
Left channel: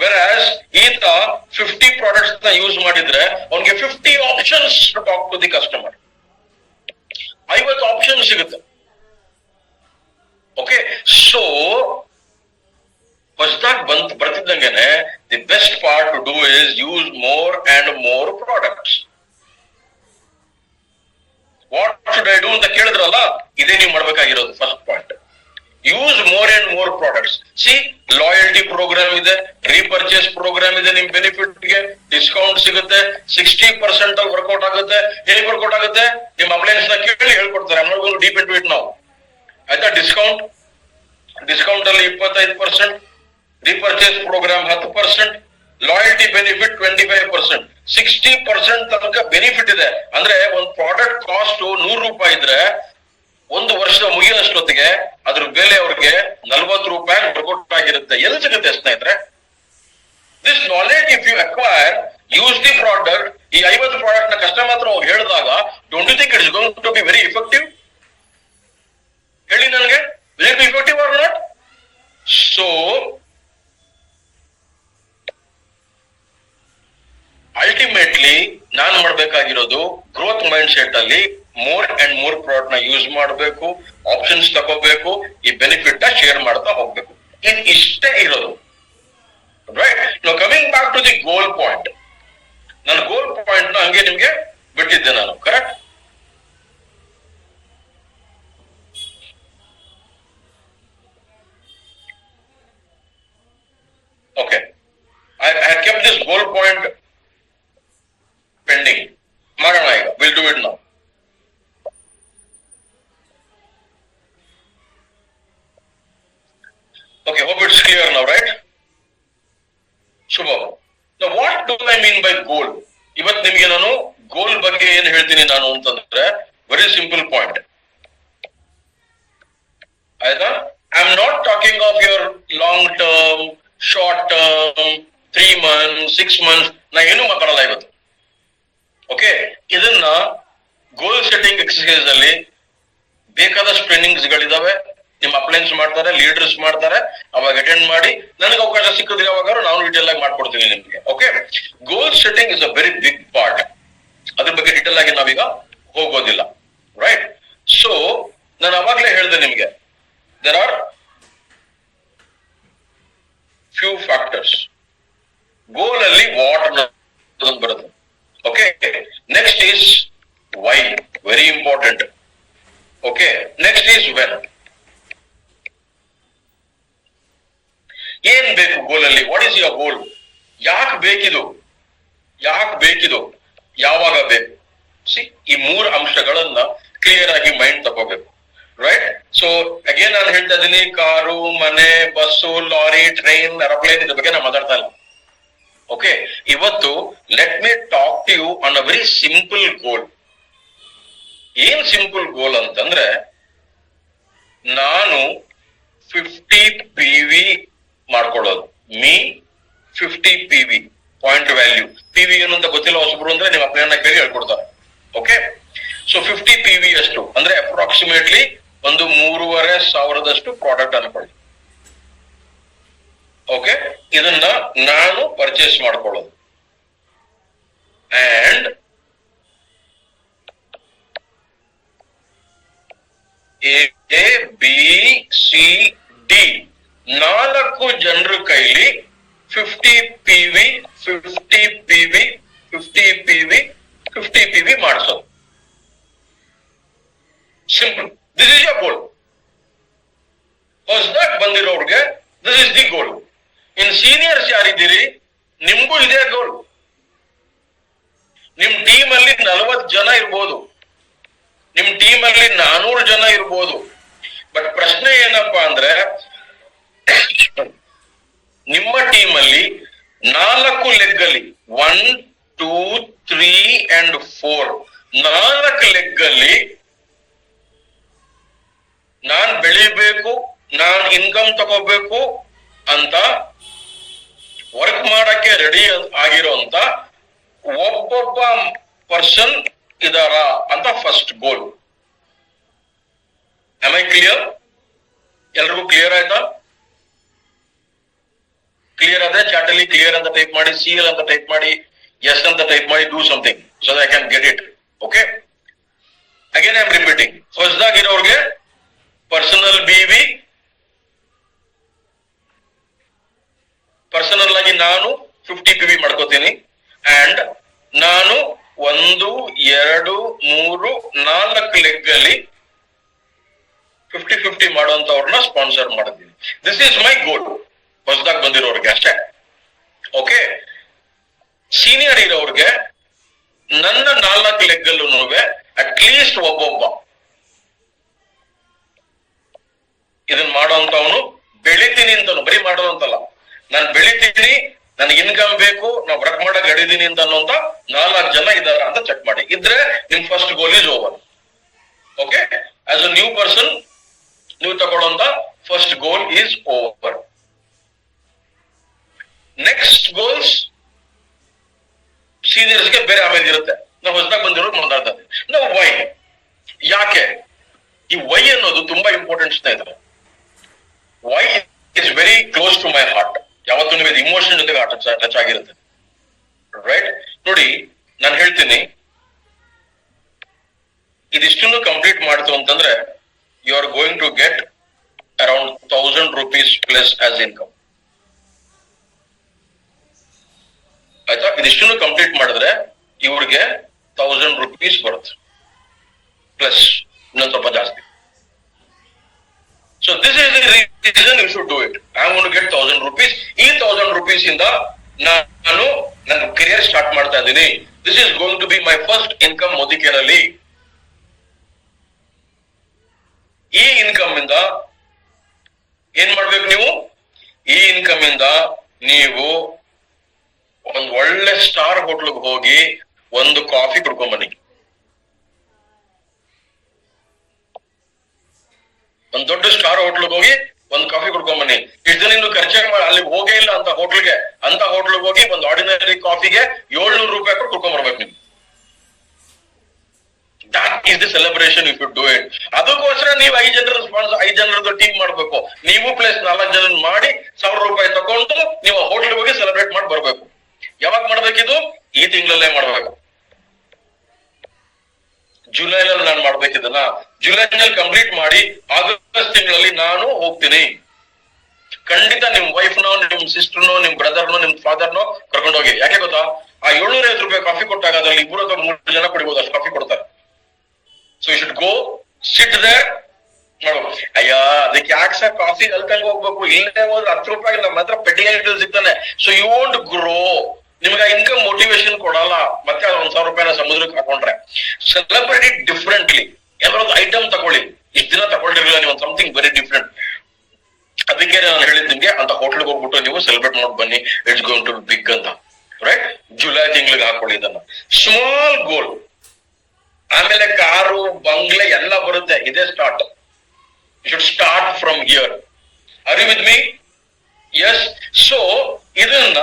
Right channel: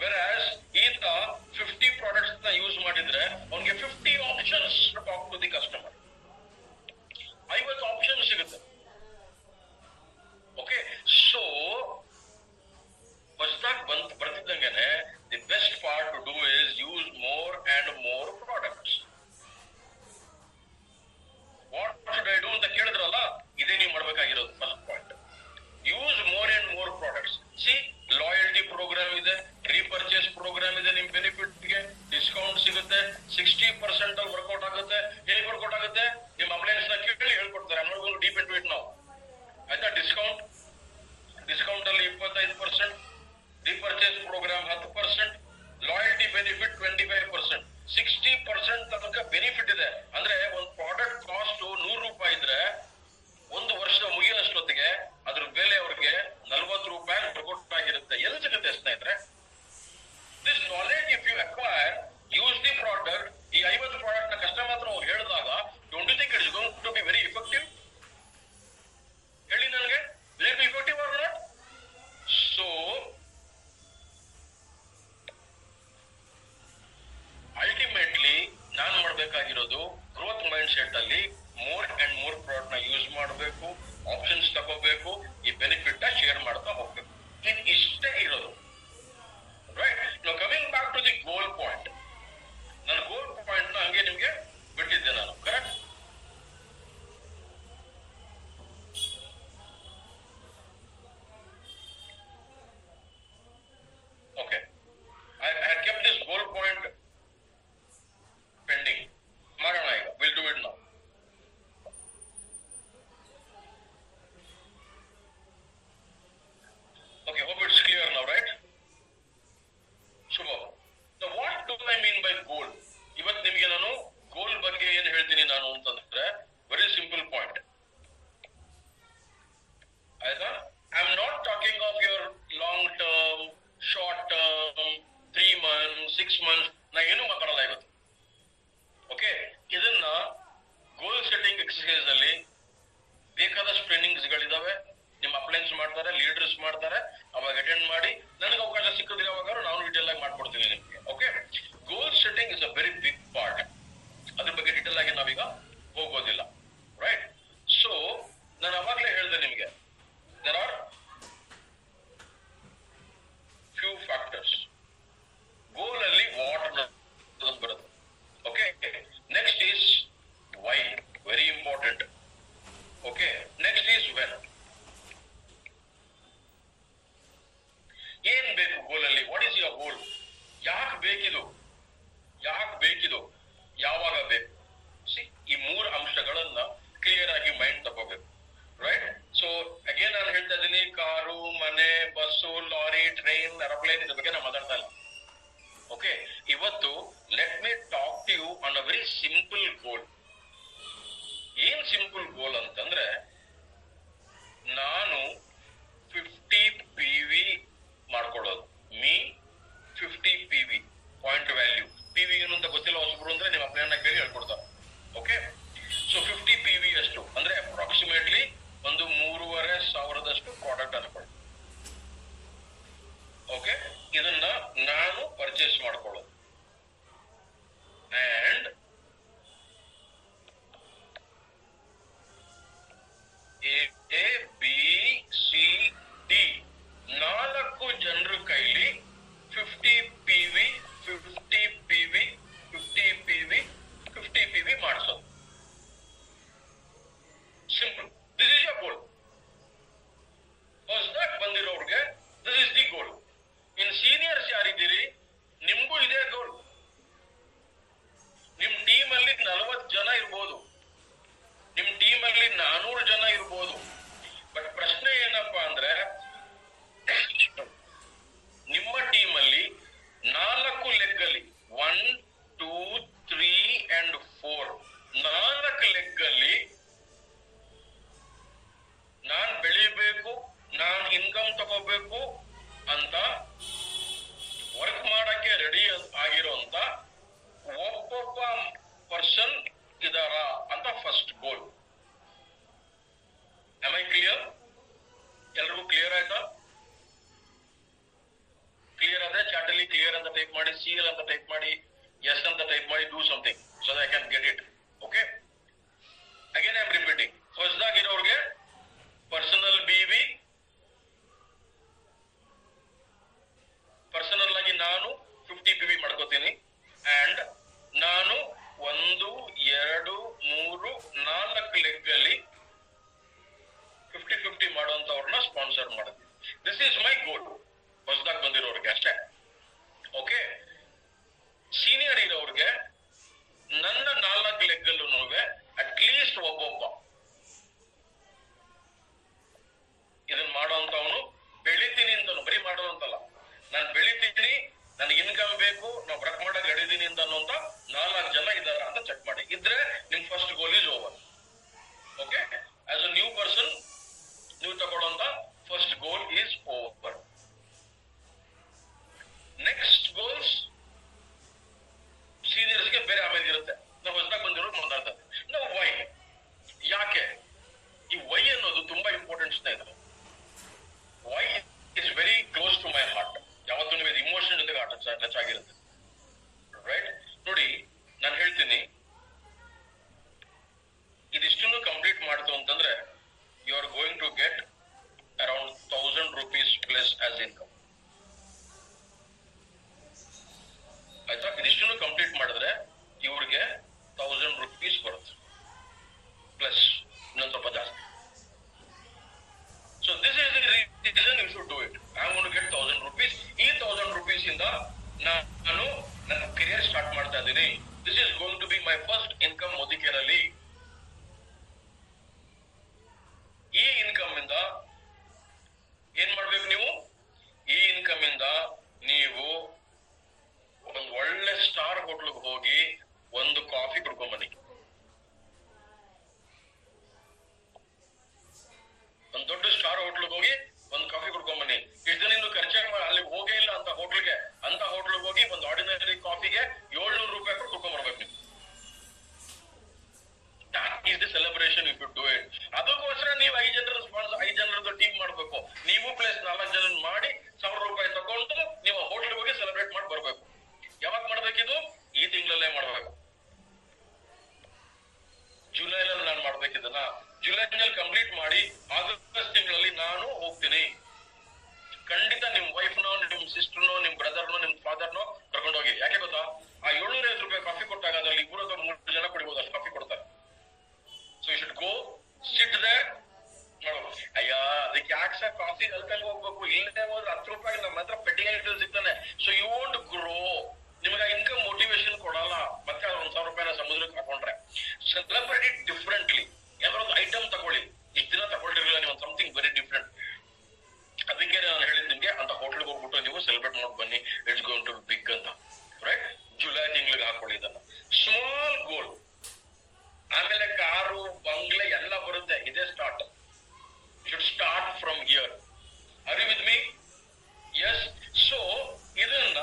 Whereas ಈತ 50 ಪ್ರಾಡಕ್ಟ್ಸ್ ನ ಯೂಸ್ ಮಾಡಿದ್ರೆ ಅವನಿಗೆ 50 options to talk to the customer, 50 option ಸಿಗುತ್ತೆ. ಓಕೆ, ಸೊ ಹೊಸದಾಗಿ ಬರ್ತಿದ್ದಂಗೆನೆ the best part to do is use more and more products. What should I do ಅಂತ ಕೇಳಿದ್ರಲ್ಲ, ಇದೇ ನೀವು ಮಾಡ್ಬೇಕಾಗಿರೋದು first point. Use more and more products. See, loyalty programme ಇದೆ, repurchase programme ಇದೆ, ನಿಮ್ ಬೆನಿಫಿಟ್ಗೆ ಡಿಸ್ಕೌಂಟ್ ಸಿಗುತ್ತೆ, 60% ಅಲ್ಲಿ ವರ್ಕೌಟ್ ಆಗುತ್ತೆ. ಹೇಗೆ ವರ್ಕೌಟ್ ಆಗುತ್ತೆ? ನಿಮ್ ಅಪ್ಲೈನ್ಸ್ ನ ಕೇಳಿ ಹೇಳ್ಕೊಡ್ತಾರೆ. ಡೀಪ್ ಇಂಟು ಇಟ್ ನಾವು, ಆಯ್ತಾ? ಡಿಸ್ಕೌಂಟ್ ಅಲ್ಲಿ 25%, ರೀಪರ್ಚೇಸ್ ಪ್ರೋಗ್ರಾಮ್ 10%, ಲಾಯಲ್ಟಿ ಬೆನಿಫಿಟ್ 25%, 60% ತನಕ ಬೆನಿಫಿಟ್ ಇದೆ. ಅಂದ್ರೆ ಒಂದು ಪ್ರಾಡಕ್ಟ್ ಕಾಸ್ಟ್ 100 ರೂಪಾಯಿ ಇದ್ರೆ 1 ವರ್ಷ ಮುಗಿಯೋಷ್ಟೊತ್ತಿಗೆ ಅದ್ರ ಬೆಲೆ ಅವ್ರಿಗೆ 40 ರೂಪಾಯಿ ವರ್ಕೌಟ್ ಆಗಿರುತ್ತೆ. ಎಲ್ಲಿ ಸಿಗುತ್ತೆ ಸ್ನೇಹಿತರೆ? This knowledge if you acquire, use the product. ಈ 50 ಪ್ರಾಡಕ್ಟ್ ನ ಕಸ್ಟಮರ್ ಹತ್ರ ಅವ್ರು ಹೇಳಿದಾಗ, don't you think it is going to be very effective? ಹೇಳಿ ನನಗೆ, will it be effective or not? So ultimately ನಾನು ಮಾಡ್ಬೇಕಾಗಿರೋದು ಗ್ರೋತ್ ಮೈಂಡ್ ಸೆಟ್ ಅಲ್ಲಿ ಮೋರ್ ಅಂಡ್ ಮೋರ್ ಪ್ರಾಡಕ್ಟ್ ನ ಯೂಸ್ ಮಾಡಬೇಕು, ಆಪ್ಷನ್ಸ್ ತಗೋಬೇಕು, ಈ ಬೆನಿಫಿಟ್ ನ ಶೇರ್ ಮಾಡ್ತಾ ಹೋಗ್ಬೇಕು. ಇಷ್ಟೇ ಇರೋದು, right? No coming back to the goal point. ನಾನು ಗೋಲ್ ಪಾಯಿಂಟ್ ನ ಹಂಗೆ ನಿಮ್ಗೆ ಬಿಟ್ಟಿದ್ದೆ ನಾನು, correct? Okay, I kept this goal point pending. ಮಾಡೋಣ ಈಗ, will do it now. Okay, hope it's clear now, right? Shubha. Now, what do I mean by goal? ಇವತ್ತು ನಿಮಗೆ ನಾನು ಗೋಲ್ ಬಗ್ಗೆ ಏನ್ ಹೇಳ್ತೀನಿ ನಾನು ಅಂತಂದ್ರೆ, ವೆರಿ ಸಿಂಪಲ್ ಪಾಯಿಂಟ್, ಆಯ್ತಾ? I am not talking of your long term, short term, 3 months, 6 months. ನಾ ಏನು ಮಾತಾಡಲ್ಲ ಇವತ್ತು. ಓಕೆ, ಇದನ್ನ ಗೋಲ್ ಸೆಟ್ಟಿಂಗ್ ಎಕ್ಸರ್ಸೈಸ್ ಅಲ್ಲಿ ಬೇಕಾದಷ್ಟು ಟ್ರೈನಿಂಗ್ಸ್ ಗಳಿದಾವೆ. ನಿಮ್ ಅಪ್ಲೈನ್ಸ್ ಮಾಡ್ತಾರೆ, ಲೀಡರ್ಸ್ ಮಾಡ್ತಾರೆ, ಅವಾಗ ಅಟೆಂಡ್ ಮಾಡಿ. ನನಗೆ ಅವಕಾಶ ಸಿಕ್ಕಿದ್ರೆ ಯಾವಾಗ ನಾನು ಡೀಟೇಲ್ ಆಗಿ ಮಾಡ್ಕೊಡ್ತೀನಿ ನಿಮ್ಗೆ. Okay, goal setting is a very big part. ಅದ್ರ ಬಗ್ಗೆ ಡೀಟೇಲ್ ಆಗಿ ನಾವೀಗ ಹೋಗೋದಿಲ್ಲ, ರೈಟ್? ಸೊ ನಾನು ಅವಾಗ್ಲೇ ಹೇಳಿದೆ ನಿಮ್ಗೆ, there are few factors. Goal ಅಲ್ಲಿ ವಾಟ್ ಬರುತ್ತೆ. Okay, next is why, very important. Okay, next is when. ಏನ್ ಬೇಕು ಗೋಲ್ ಅಲ್ಲಿ? What is your goal? ಯಾಕೆ ಬೇಕಿದು? ಯಾವಾಗ ಬೇಕು? ಸಿ, ಈ 3 ಅಂಶಗಳನ್ನ ಕ್ಲಿಯರ್ ಆಗಿ ಮೈಂಡ್ ತಗೋಬೇಕು, ರೈಟ್? ಸೊ ಅಗೇನ್ ನಾನು ಹೇಳ್ತಾ ಇದ್ದೀನಿ, ಕಾರು, ಮನೆ, ಬಸ್ಸು, ಲಾರಿ, ಟ್ರೈನ್, ಏರೋಪ್ಲೇನ್ ಇದ್ರ ಬಗ್ಗೆ ನಾನು ಮಾತಾಡ್ತಾ ಇಲ್ಲ. ಓಕೆ, ಇವತ್ತು let me talk to you on a very simple goal. ಏನ್ ಸಿಂಪಲ್ ಗೋಲ್ ಅಂತಂದ್ರೆ, ನಾನು 50 PV ಮಾಡ್ಕೊಳ್ಳೋದು. Me 50 PV point value. PV ಏನು ಅಂತ ಗೊತ್ತಿಲ್ಲ ಹೊಸಬ್ರು ಅಂದ್ರೆ ನಿಮ್ಮ ಅಪ್ಲೈನ್ ಕೇಳಿ ಹೇಳ್ಕೊಡ್ತಾರೆ. ಓಕೆ, ಸೊ 50 PV ಅಷ್ಟು ಅಂದ್ರೆ ಅಪ್ರಾಕ್ಸಿಮೇಟ್ಲಿ ಒಂದು 3,500 ಪ್ರಾಡಕ್ಟ್ ಅನ್ಕೊಳ್ಳಿ. ಓಕೆ, ಇದನ್ನ ನಾನು ಪರ್ಚೇಸ್ ಮಾಡ್ಕೊಳ್ಳೋದು. And A B C D 4 ಜನರ ಕೈಲಿ 50 PV 50 PV 50 PV 50 PV ಮಾಡಿಸೋದು. Simple. This is your goal. ಹೊಸದಾಗಿ ಬಂದಿರೋರ್ಗೆ this is the goal. In seniors ಯಾರಿದ್ದೀರಿ, ನಿಮ್ಗೂ ಇದೇ ಗೋಲ್. ನಿಮ್ ಟೀಮ್ ಅಲ್ಲಿ 40 ಜನ ಇರ್ಬೋದು, ನಿಮ್ ಟೀಮ್ ಅಲ್ಲಿ 400 ಜನ ಇರ್ಬೋದು. ಬಟ್ ಪ್ರಶ್ನೆ ಏನಪ್ಪಾ ಅಂದ್ರೆ, ನಿಮ್ಮ ಟೀಮ್ ಅಲ್ಲಿ 4 ಲೆಗ್ ಅಲ್ಲಿ 1 2 3 and 4 4 ಲೆಗ್ ಅಲ್ಲಿ ನಾನ್ ಬೆಳಿಬೇಕು, ನಾನ್ ಇನ್ಕಮ್ ತಗೋಬೇಕು ಅಂತ ವರ್ಕ್ ಮಾಡಕ್ಕೆ ರೆಡಿ ಆಗಿರೋಂತ ಒಬ್ಬೊಬ್ಬ ಪರ್ಸನ್ ಇದಾರ ಅಂತ first goal. Am I clear? ಎಲ್ರಿಗೂ ಕ್ಲಿಯರ್ ಆಯ್ತಾ? ಕ್ಲಿಯರ್ ಆದ್ರೆ ಚಾಟ್ ಅಲ್ಲಿ ಕ್ಲಿಯರ್ ಅಂತ ಟೈಪ್ ಮಾಡಿ, CL ಅಂತ ಟೈಪ್ ಮಾಡಿ, ಎಸ್ ಅಂತ ಟೈಪ್ ಮಾಡಿ, do something so that I can get it. Okay, again I am repeating. ಹೊಸದಾಗಿರೋರ್ಗೆ ಪರ್ಸನಲ್ BV, ಪರ್ಸನಲ್ ಆಗಿ ನಾನು 50 PV ಮಾಡ್ಕೋತೀನಿ. ಅಂಡ್ ನಾನು 1 2 3 4 ಲೆಗ್ ಅಲ್ಲಿ 50-50 ಮಾಡುವಂತವ್ರನ್ನ ಸ್ಪಾನ್ಸರ್ ಮಾಡಿದ್ದೀನಿ. ದಿಸ್ ಈಸ್ ಮೈ ಗೋಲ್ ಹೊಸದಾಗಿ ಬಂದಿರೋರ್ಗೆ ಅಷ್ಟೇ. ಓಕೆ, ಸೀನಿಯರ್ ಇರೋರ್ಗೆ ನನ್ನ 4 ಲೆಗ್ ಅಲ್ಲೂ ಅಟ್ಲೀಸ್ಟ್ ಒಬ್ಬೊಬ್ಬ ಇದನ್ನ ಮಾಡೋಂತವನು, ಬೆಳಿತೀನಿ ಅಂತನು, ಬರೀ ಮಾಡೋದಂತಲ್ಲ, ನಾನು ಬೆಳಿತೀನಿ, ನನಗೆ ಇನ್ಕಮ್ ಬೇಕು, ನಾವು ವರ್ಕ್ ಮಾಡಕ್ ಹಿಡಿದೀನಿ ಅಂತ ಅನ್ನೋಂತ 4 ಜನ ಇದಾರ ಅಂತ ಚೆಕ್ ಮಾಡಿ. ಇದ್ರೆ ನಿಮ್ first goal is over. Okay, as a new person ನೀವು ತಗೊಳ್ಳೋಂತ first goal is over. Next goals ಸೀನಿಯರ್ಸ್ಗೆ ಬೇರೆ ಆಮೇಲೆ ಇರುತ್ತೆ. ನಾವು ಹೊಸದಾಗಿ ಬಂದಿರೋರು ಮಾತಾಡ್ತಾ ಇದ್ದೀವಿ. ನಾವು ವೈ, ಯಾಕೆ? ಈ ವೈ ಅನ್ನೋದು ತುಂಬಾ ಇಂಪಾರ್ಟೆಂಟ್ ಸ್ನೇಹಿತರೆ. Why is very close to my heart. ಯಾವತ್ತೂ ನಿಮಗೆ ಇಮೋಷನ್ ಜೊತೆಗೆ ಟಚ್ ಆಗಿರುತ್ತೆ, ರೈಟ್? ನೋಡಿ, ನಾನು ಹೇಳ್ತೀನಿ, ಇದಿಷ್ಟನ್ನು ಕಂಪ್ಲೀಟ್ ಮಾಡ್ತು ಅಂತಂದ್ರೆ you are going to get around 1000 rupees plus as income. ಆಯ್ತಾ? ಇದಿಷ್ಟನ್ನು ಕಂಪ್ಲೀಟ್ ಮಾಡಿದ್ರೆ ಇವ್ರಿಗೆ 1000 rupees ಬರುತ್ತೆ, ಪ್ಲಸ್ ಇನ್ನೊಂದು ಸ್ವಲ್ಪ ಜಾಸ್ತಿ. So this is the reason you should do it. I am going to get 1000 rupees. ಈ 1000 rupees ಇಂದ ನಾನು ನನ್ನ ಕರಿಯರ್ ಸ್ಟಾರ್ಟ್ ಮಾಡ್ತಾ ಇದ್ದೀನಿ. This is going to be my first income Modicare ಅಲ್ಲಿ. ಈ ಇನ್ಕಮ್ ಇಂದ ಏನ್ ಮಾಡ್ಬೇಕು ನೀವು? ಈ ಇನ್ಕಮ್ ಇಂದ ನೀವು ಒಂದ್ ಒಳ್ಳೆ ಸ್ಟಾರ್ ಹೋಟ್ಲಿಗೆ ಹೋಗಿ ಒಂದು ಕಾಫಿ ಕುಡ್ಕೊಂಡ್ ಬನ್ನಿ. ಒಂದ್ ದೊಡ್ಡ ಸ್ಟಾರ್ ಹೋಟ್ಲಿಗೆ ಹೋಗಿ ಒಂದ್ ಕಾಫಿ ಕುಡ್ಕೊಂಡ್ ಬನ್ನಿ. ಇಷ್ಟು ದಿನ ಇನ್ನು ಖರ್ಚೆ ಅಲ್ಲಿಗೆ ಹೋಗೇ ಇಲ್ಲ ಅಂತ ಹೋಟ್ಲಿಗೆ ಹೋಗಿ ಒಂದ್ ಆರ್ಡಿನರಿ ಕಾಫಿಗೆ 700 ರೂಪಾಯಿ ಕೊಟ್ಟು ಕುಡ್ಕೊಂಡ್ ಬರ್ಬೇಕು ನೀವು. ತಿಂಗಳಲ್ಲೇ ಮಾಡ್ಬೇಕು. ಜುಲೈನಲ್ಲಿ ನಾನು ಮಾಡ್ಬೇಕಿದನ್ನ, ಜುಲೈನಲ್ಲಿ ಕಂಪ್ಲೀಟ್ ಮಾಡಿ ಆಗಸ್ಟ್ ತಿಂಗಳಲ್ಲಿ ನಾನು ಹೋಗ್ತೀನಿ. ಖಂಡಿತ ನಿಮ್ ವೈಫ್ನೋ, ನಿಮ್ ಸಿಸ್ಟರ್ನೋ, ನಿಮ್ ಬ್ರದರ್ನೋ, ನಿಮ್ ಫಾದರ್ನೋ ಕರ್ಕೊಂಡು ಹೋಗಿ. ಯಾಕೆ ಗೊತ್ತಾ, ಆ 750 ರೂಪಾಯಿ ಕಾಫಿ ಕೊಟ್ಟಾಗ ಅದ್ರಲ್ಲಿ 2 ಅಥವಾ 3 ಜನ ಕುಡಿಬಹುದು, ಅಷ್ಟು ಕಾಫಿ ಕೊಡ್ತಾರೆ. So you should go sit there ಮಾಡು. ಅಯ್ಯ ಅದಕ್ಕೆ ಯಾಕೆ ಸರ್ ಕಾಫಿ ಕಲ್ತಂಗ್ ಹೋಗ್ಬೇಕು, ಇಲ್ಲೇ ಹೋದ್ರೆ 10 ರೂಪಾಯಿ ನಮ್ಮ ಹತ್ರ ಪೆಟ್ಟಿಗೆ ಸಿಗ್ತಾನೆ. ಸೊ ಯು ವಾಂಟ್ ಗ್ರೋ, ನಿಮ್ಗೆ ಇನ್ಕಮ್ ಮೋಟಿವೇಶನ್ ಕೊಡಲ್ಲ. ಮತ್ತೆ 1,000 ರೂಪಾಯಿನ ಸಮುದ್ರಕ್ಕೆ ಹಾಕೊಂಡ್ರೆ ಸೆಲೆಬ್ರೇಟ್ ಇಟ್ ಡಿಫ್ರೆಂಟ್ಲಿ. ಯಾವ್ದಾದ್ರು ಐಟಮ್ ತಗೊಳ್ಳಿ, ಇಷ್ಟ ದಿನ ತಗೊಳ್ಳಿರಲಿಲ್ಲ ನೀವು, ಸಮಥಿಂಗ್ ವೆರಿ ಡಿಫ್ರೆಂಟ್. ಅದಕ್ಕೆ ನಾನು ಹೇಳಿದ್ ನಿಮ್ಗೆ ಅಂತ ಹೋಟ್ಲಿಗೆ ಹೋಗ್ಬಿಟ್ಟು ನೀವು ಸೆಲೆಬ್ರೇಟ್ ಮಾಡಿ ಬನ್ನಿ, ಇಟ್ಸ್ ಗೋಯಿಂಗ್ ಟು ಬಿಗ್ ಅಂತ. ರೈಟ್, ಜುಲೈ ತಿಂಗಳಿಗೆ ಹಾಕೊಳ್ಳಿ ಇದನ್ನ. ಸ್ಮಾಲ್ ಗೋಲ್, ಆಮೇಲೆ ಕಾರು ಬಂಗ್ಲೆ ಎಲ್ಲ ಬರುತ್ತೆ. ಇದೇ start. You should start from here. Are you with me? Yes. So ಇದನ್ನ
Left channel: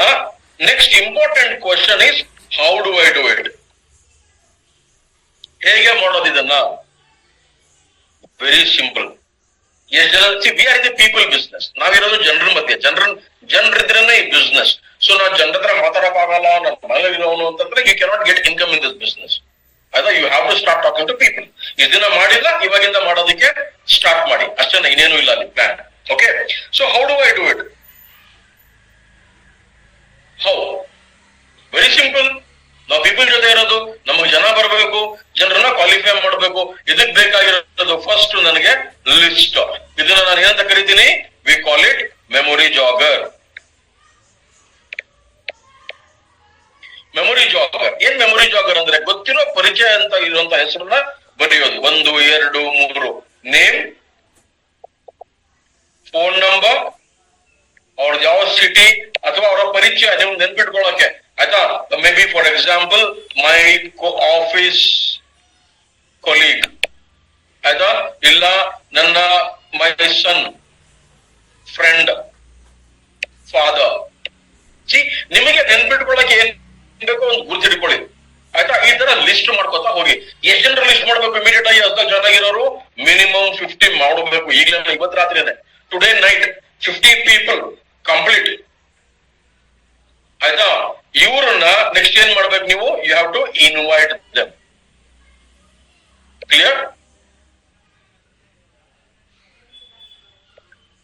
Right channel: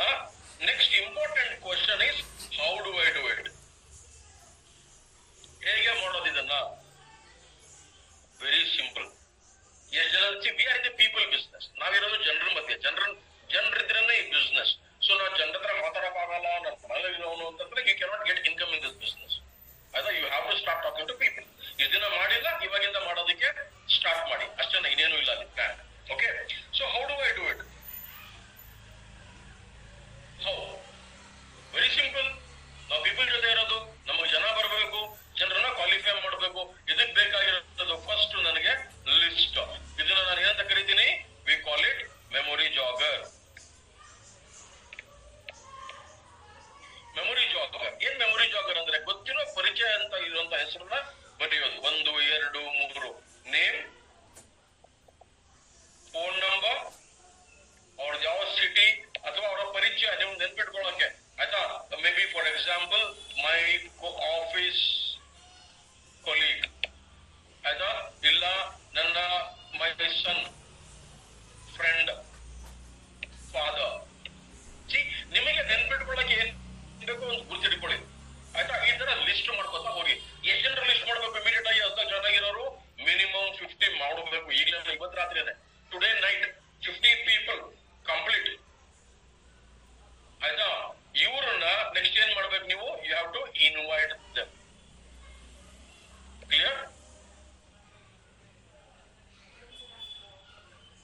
next important question is how do I do it? ಹೇಗೆ ಮಾಡೋದು ಇದನ್ನ? Very simple. ಎಷ್ಟು ಜನ we are the people business. ನಾವಿರೋದು ಜನರ ಮಧ್ಯೆ, ಜನರಿದ್ರೇನೆ ಈ ಬಿಸ್ನೆಸ್. ಸೊ ನಾವು ಜನರ ಹತ್ರ ಮಾತಾಡಕ್ಕಾಗಲ್ಲ, ನನ್ನ ಮನೇಲಿರೋನು ಅಂತಂದ್ರೆ you cannot get income in this business. ಅದ you have to start talking to people. ಇಷ್ಟು ದಿನ ಮಾಡಿಲ್ಲ, ಇವಾಗಿಂದ ಮಾಡೋದಕ್ಕೆ ಸ್ಟಾರ್ಟ್ ಮಾಡಿ ಅಷ್ಟೇ, ಇನ್ನೇನು ಇಲ್ಲ ಅಲ್ಲಿ plan. Okay, so how do I do it? How? Very simple. ನಾವು ಪೀಪಲ್ ಜೊತೆ ಇರೋದು, ನಮಗೆ ಜನ ಬರಬೇಕು, ಜನರನ್ನ ಕ್ವಾಲಿಫೈ ಮಾಡಬೇಕು. ಇದಕ್ ಬೇಕಾಗಿರೋದು ಫಸ್ಟ್ ನನಗೆ ಲಿಸ್ಟ್. ಇದನ್ನ ನಾನು ಏನಂತ ಕರಿತೀನಿ? We call it memory Jagr. Memory Jagr. ಏನ್ ಮೆಮೊರಿ ಜಾಗರ್ ಅಂದ್ರೆ, ಗೊತ್ತಿರೋ ಪರಿಚಯ ಅಂತ ಇರುವಂತ ಹೆಸರನ್ನ ಬರೆಯೋದು. 1, 2, 3 ನೇಮ್, ಫೋನ್ ನಂಬರ್, ಅವ್ರದ್ದು ಯಾವ ಸಿಟಿ ಅಥವಾ ಅವರ ಪರಿಚಯ ನೀವು ನೆನ್ಪಿಟ್ಕೊಳ್ಳೋಕೆ, ಆಯ್ತಾ? May be for example my office colleague, ಆಯ್ತಾ? ಇಲ್ಲ ನನ್ನ ಮೈ ಸನ್ ಫ್ರೆಂಡ್ ಫಾದರ್. ನಿಮಗೆ ನೆನ್ಪಿಟ್ಕೊಳ್ಳೋಕೆ ಏನ್ ಬೇಕು ಒಂದು ಗುರ್ತಿಟ್ಕೊಳ್ಳಿ, ಆಯ್ತಾ? ಈ ತರ ಲಿಸ್ಟ್ ಮಾಡ್ಕೊತಾ ಹೋಗಿ. ಎಷ್ಟು ಜನರ ಲಿಸ್ಟ್ ಮಾಡ್ಬೇಕು? ಇಮಿಡಿಯೇಟ್ ಆಗಿ 10 ಜನ ಇರೋರು ಮಿನಿಮಮ್ 50 ಮಾಡಬೇಕು. ಈಗಲೇ ಇವತ್ತು ರಾತ್ರಿನೇ, ಟುಡೇ ನೈಟ್ 50 ಪೀಪಲ್ ಕಂಪ್ಲೀಟ್, ಆಯ್ತಾ? ಇವ್ರನ್ನ ನೆಕ್ಸ್ಟ್ ಏನ್ ಮಾಡ್ಬೇಕು ನೀವು? You have to invite them. Clear?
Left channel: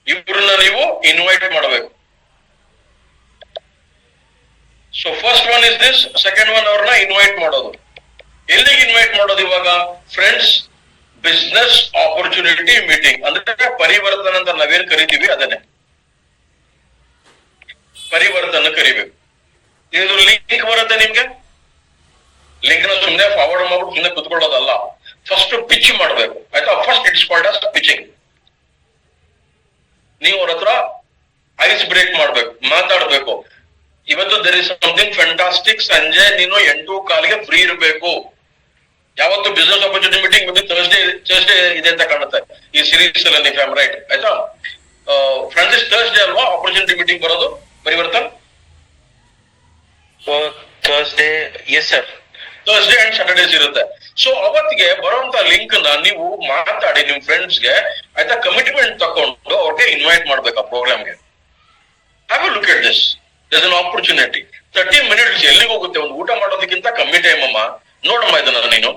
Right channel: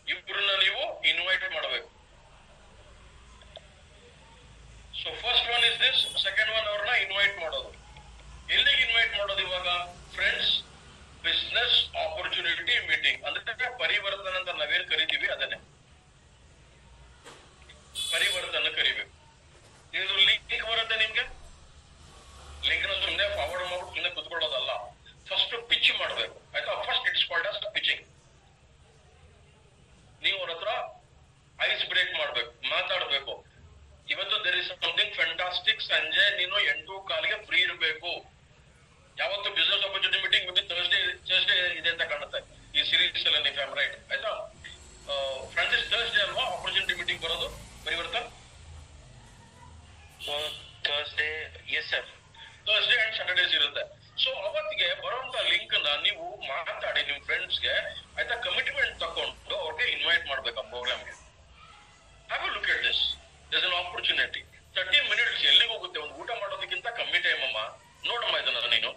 ಇವ್ರನ್ನ ನೀವು ಇನ್ವೈಟ್ ಮಾಡಬೇಕು. So first one is this, second one ಅವ್ರನ್ನ ಇನ್ವೈಟ್ ಮಾಡೋದು. ಎಲ್ಲಿಗೆ ಇನ್ವೈಟ್ ಮಾಡೋದು ಇವಾಗ? Friends business opportunity meeting. ಅಂದ್ರೆ ಪರಿವರ್ತನ ಅಂತ ನಾವೇನ್ ಕರಿತೀವಿ ಅದನ್ನೇ ಪರಿವರ್ತನ ಕರಿಬೇಕು. ಇದು ಲಿಂಕ್ ಬರುತ್ತೆ ನಿಮ್ಗೆ. ಲಿಂಕ್ ನ ಸುಮ್ಮನೆ ಫಾರ್ವರ್ಡ್ ಮಾಡ್ಬಿಟ್ಟು ಸುಮ್ಮನೆ ಕುತ್ಕೊಳ್ಳೋದಲ್ಲ, ಫಸ್ಟ್ ಪಿಚ್ ಮಾಡ್ಬೇಕು, ಆಯ್ತಾ? First it's called as pitching. ನೀವು ಅವ್ರ ಹತ್ರ ಐಸ್ ಬ್ರೇಕ್ ಮಾಡ್ಬೇಕು, ಮಾತಾಡ್ಬೇಕು. ಇವತ್ತು ದೇರ್ ಇಸ್ ಸಮಥಿಂಗ್ ಫ್ಯಾಂಟಾಸ್ಟಿಕ್, ಸಂಜೆ ನೀನು 8:15 ಫ್ರೀ ಇರಬೇಕು. ಯಾವತ್ತು ಬಿಸ್ನೆಸ್ ಆಪರ್ಚುನಿಟಿ ಮೀಟಿಂಗ್ ಬಂದು ಥರ್ಸ್ಡೇ ಇದೆ ಅಂತ ಕಾಣುತ್ತೆ ಈ ಸೀರೀಸ್ ಅಲ್ಲಿ, ಇಫ್ ಐ ಆಮ್ ರೈಟ್, ಆಯ್ತಾ? ಫ್ರಾನ್ಸಿಸ್, ಥರ್ಸ್ಡೇ ಅಲ್ವಾ ಆಪರ್ಚುನಿಟಿ ಮೀಟಿಂಗ್ ಬರೋದು Parivartan? Thursday, yes sir. Thursday and Saturdays ಇರುತ್ತೆ. ಸೊ ಅವತ್ತಿಗೆ ಬರುವಂತ ಲಿಂಕ್ ನ ನೀವು ಮಾತಾಡಿ ನಿಮ್ ಫ್ರೆಂಡ್ಸ್ಗೆ, ಆಯ್ತಾ? ಕಮಿಟ್ಮೆಂಟ್ ತಕೊಂಡು ಅವ್ರಿಗೆ ಇನ್ವೈಟ್ ಮಾಡ್ಬೇಕು ಆ ಪ್ರೋಗ್ರಾಮ್ಗೆ. Have a look at this. There's an opportunity. 30 minutes ಎಲ್ಲಿಗೆ ಹೋಗುತ್ತೆ? ಒಂದು ಊಟ ಮಾಡೋದಕ್ಕಿಂತ ಕಮ್ಮಿ ಟೈಮ್ ಅಮ್ಮ. ನೋಡಮ್ಮ ಇದನ್ನ ನೀನು,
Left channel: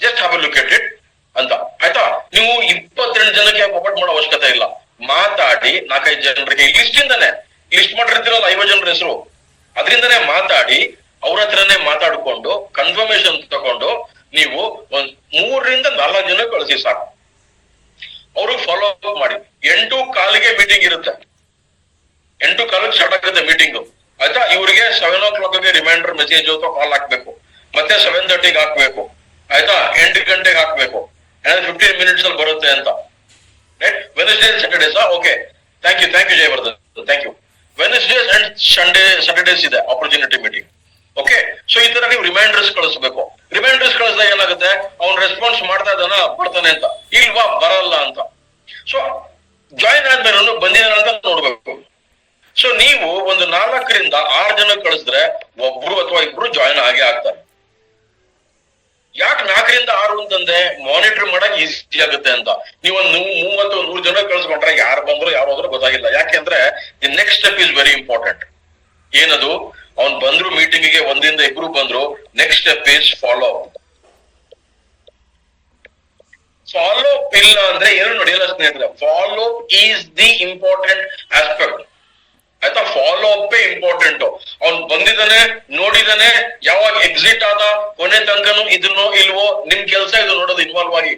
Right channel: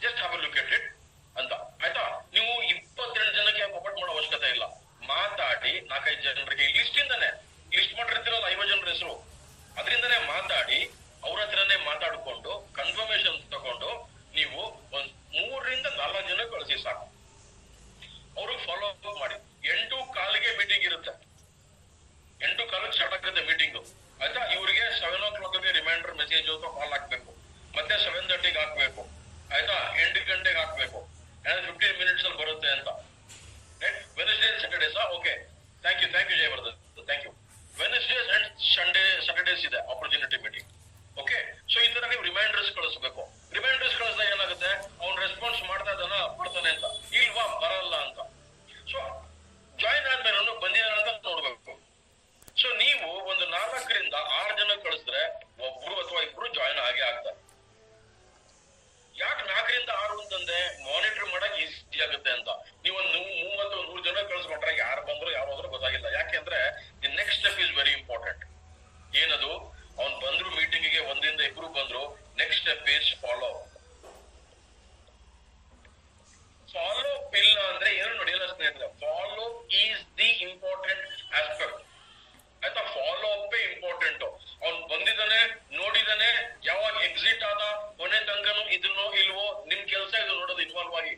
just have a look at it ಅಂತ, ಆಯ್ತಾ? ನೀವು 22 ಜನಕ್ಕೆ ಒಬ್ಬಟ್ಟು ಮಾಡೋ ಅವಶ್ಯಕತೆ ಇಲ್ಲ. ಮಾತಾಡಿ 4-5 ಜನರಿಗೆ ಲಿಸ್ಟ್ ಇಂದಾನೆ, ಲಿಸ್ಟ್ ಮಾಡಿರ್ತೀರಲ್ಲ 50 ಜನರ ಹೆಸರು, ಅದರಿಂದನೇ ಮಾತಾಡಿ ಅವ್ರ ಹತ್ರನೇ ಮಾತಾಡ್ಕೊಂಡು ಕನ್ಫರ್ಮೇಶನ್ ತಗೊಂಡು ನೀವು ಒಂದ್ 3-4 ಜನ ಕಳಿಸಿ ಸಾಕು. ಅವ್ರಿಗೆ ಫಾಲೋ ಅಪ್ ಮಾಡಿ. 8:15 ಮೀಟಿಂಗ್ ಇರುತ್ತೆ. 8:15 ಸ್ಟಾರ್ಟ್ ಆಗುತ್ತೆ ಮೀಟಿಂಗ್, ಆಯ್ತಾ? ಇವರಿಗೆ 7 o'clock ರಿಮೈಂಡರ್ ಮೆಸೇಜ್ ಅಥವಾ ಕಾಲ್ ಹಾಕ್ಬೇಕು, ಮತ್ತೆ 7:30 ಹಾಕ್ಬೇಕು, ಆಯ್ತಾ? 8 ಗಂಟೆಗೆ ಹಾಕ್ಬೇಕು. 15 minutes ಅಲ್ಲಿ ಬರುತ್ತೆ ಅಂತ. Right? Wednesday Saturdays. Okay, thank you Jayavardhan, thank you. Wednesdays and Saturdays ಇದೆ ಆಪರ್ಚುನಿಟಿ ಮೀಟಿಂಗ್. ಓಕೆ, ಸೊ ಈ ತರ ನೀವು ರಿಮೈಂಡರ್ಸ್ ಕಳಿಸ್ಬೇಕು. ರಿಮೈಂಡರ್ಸ್ ಕಳಿಸಿದಾಗ ಏನಾಗುತ್ತೆ? ಅವ್ನು ರೆಸ್ಪಾನ್ಸ್ ಮಾಡ್ತಾ ಇದ್ದಾನ, ಬರ್ತಾನೆ ಅಂತ, ಇಲ್ವಾ ಬರಲ್ಲ ಅಂತ. ಸೊ ಜಾಯಿನ್ ಆದ್ಮೇಲೆ ಬಂದಿದ್ದಾನೆ ಅಂತ ನೋಡ್ಬೇಕು. ಸೊ ನೀವು ಒಂದು 4 to 6 ಜನ ಕಳಿಸಿದ್ರೆ 1 ಅಥವಾ 2 ಜಾಯಿನ್ ಆಗೇ ಆಗ್ತಾರೆ. ಯಾಕೆ 4 to 6 ಅಂತಂದ್ರೆ ಮಾನಿಟರ್ ಮಾಡಕ್ ಈಸಿ ಆಗುತ್ತೆ ಅಂತ. ನೀವೊಂದು 30-100 ಜನ ಕಳಿಸ್ಕೊಂಡ್ರೆ ಯಾರು ಬಂದ್ರು ಯಾರು ಹೋದ್ರು ಗೊತ್ತಾಗಿಲ್ಲ. ಯಾಕೆಂದ್ರೆ the next step is very important. ಏನದು? ಅವ್ನ್ ಬಂದ್ರು ಮೀಟಿಂಗ್ ಗೆ ಒಂದಿಂದ ಇಬ್ರು ಬಂದ್ರು, next step is follow up. Follow up ಇಲ್ಲ ಅಂದ್ರೆ ಏನು ನಡೆಯಲ್ಲ ಸ್ನೇಹಿತರೆ. Follow is the important aspect. ಆಯ್ತಾ, ಫಾಲೋ ಅಪ್ ಇಂಪಾರ್ಟೆಂಟ್. ಅವ್ನ್ ಬಂದಿದ್ದಾನೆ, ನೋಡಿದಾನೆ, ಯಾವಾಗ ಎಕ್ಸಿಟ್ ಆದ, ಕೊನೆ ತನಕನು ಇದನ್ನೋ ಇಲ್ವೋ ನಿಮ್ ಕೆಲಸ ಇದು ನೋಡೋದು ಇನ್ವಾಲ್ವ್ ಆಗಿ.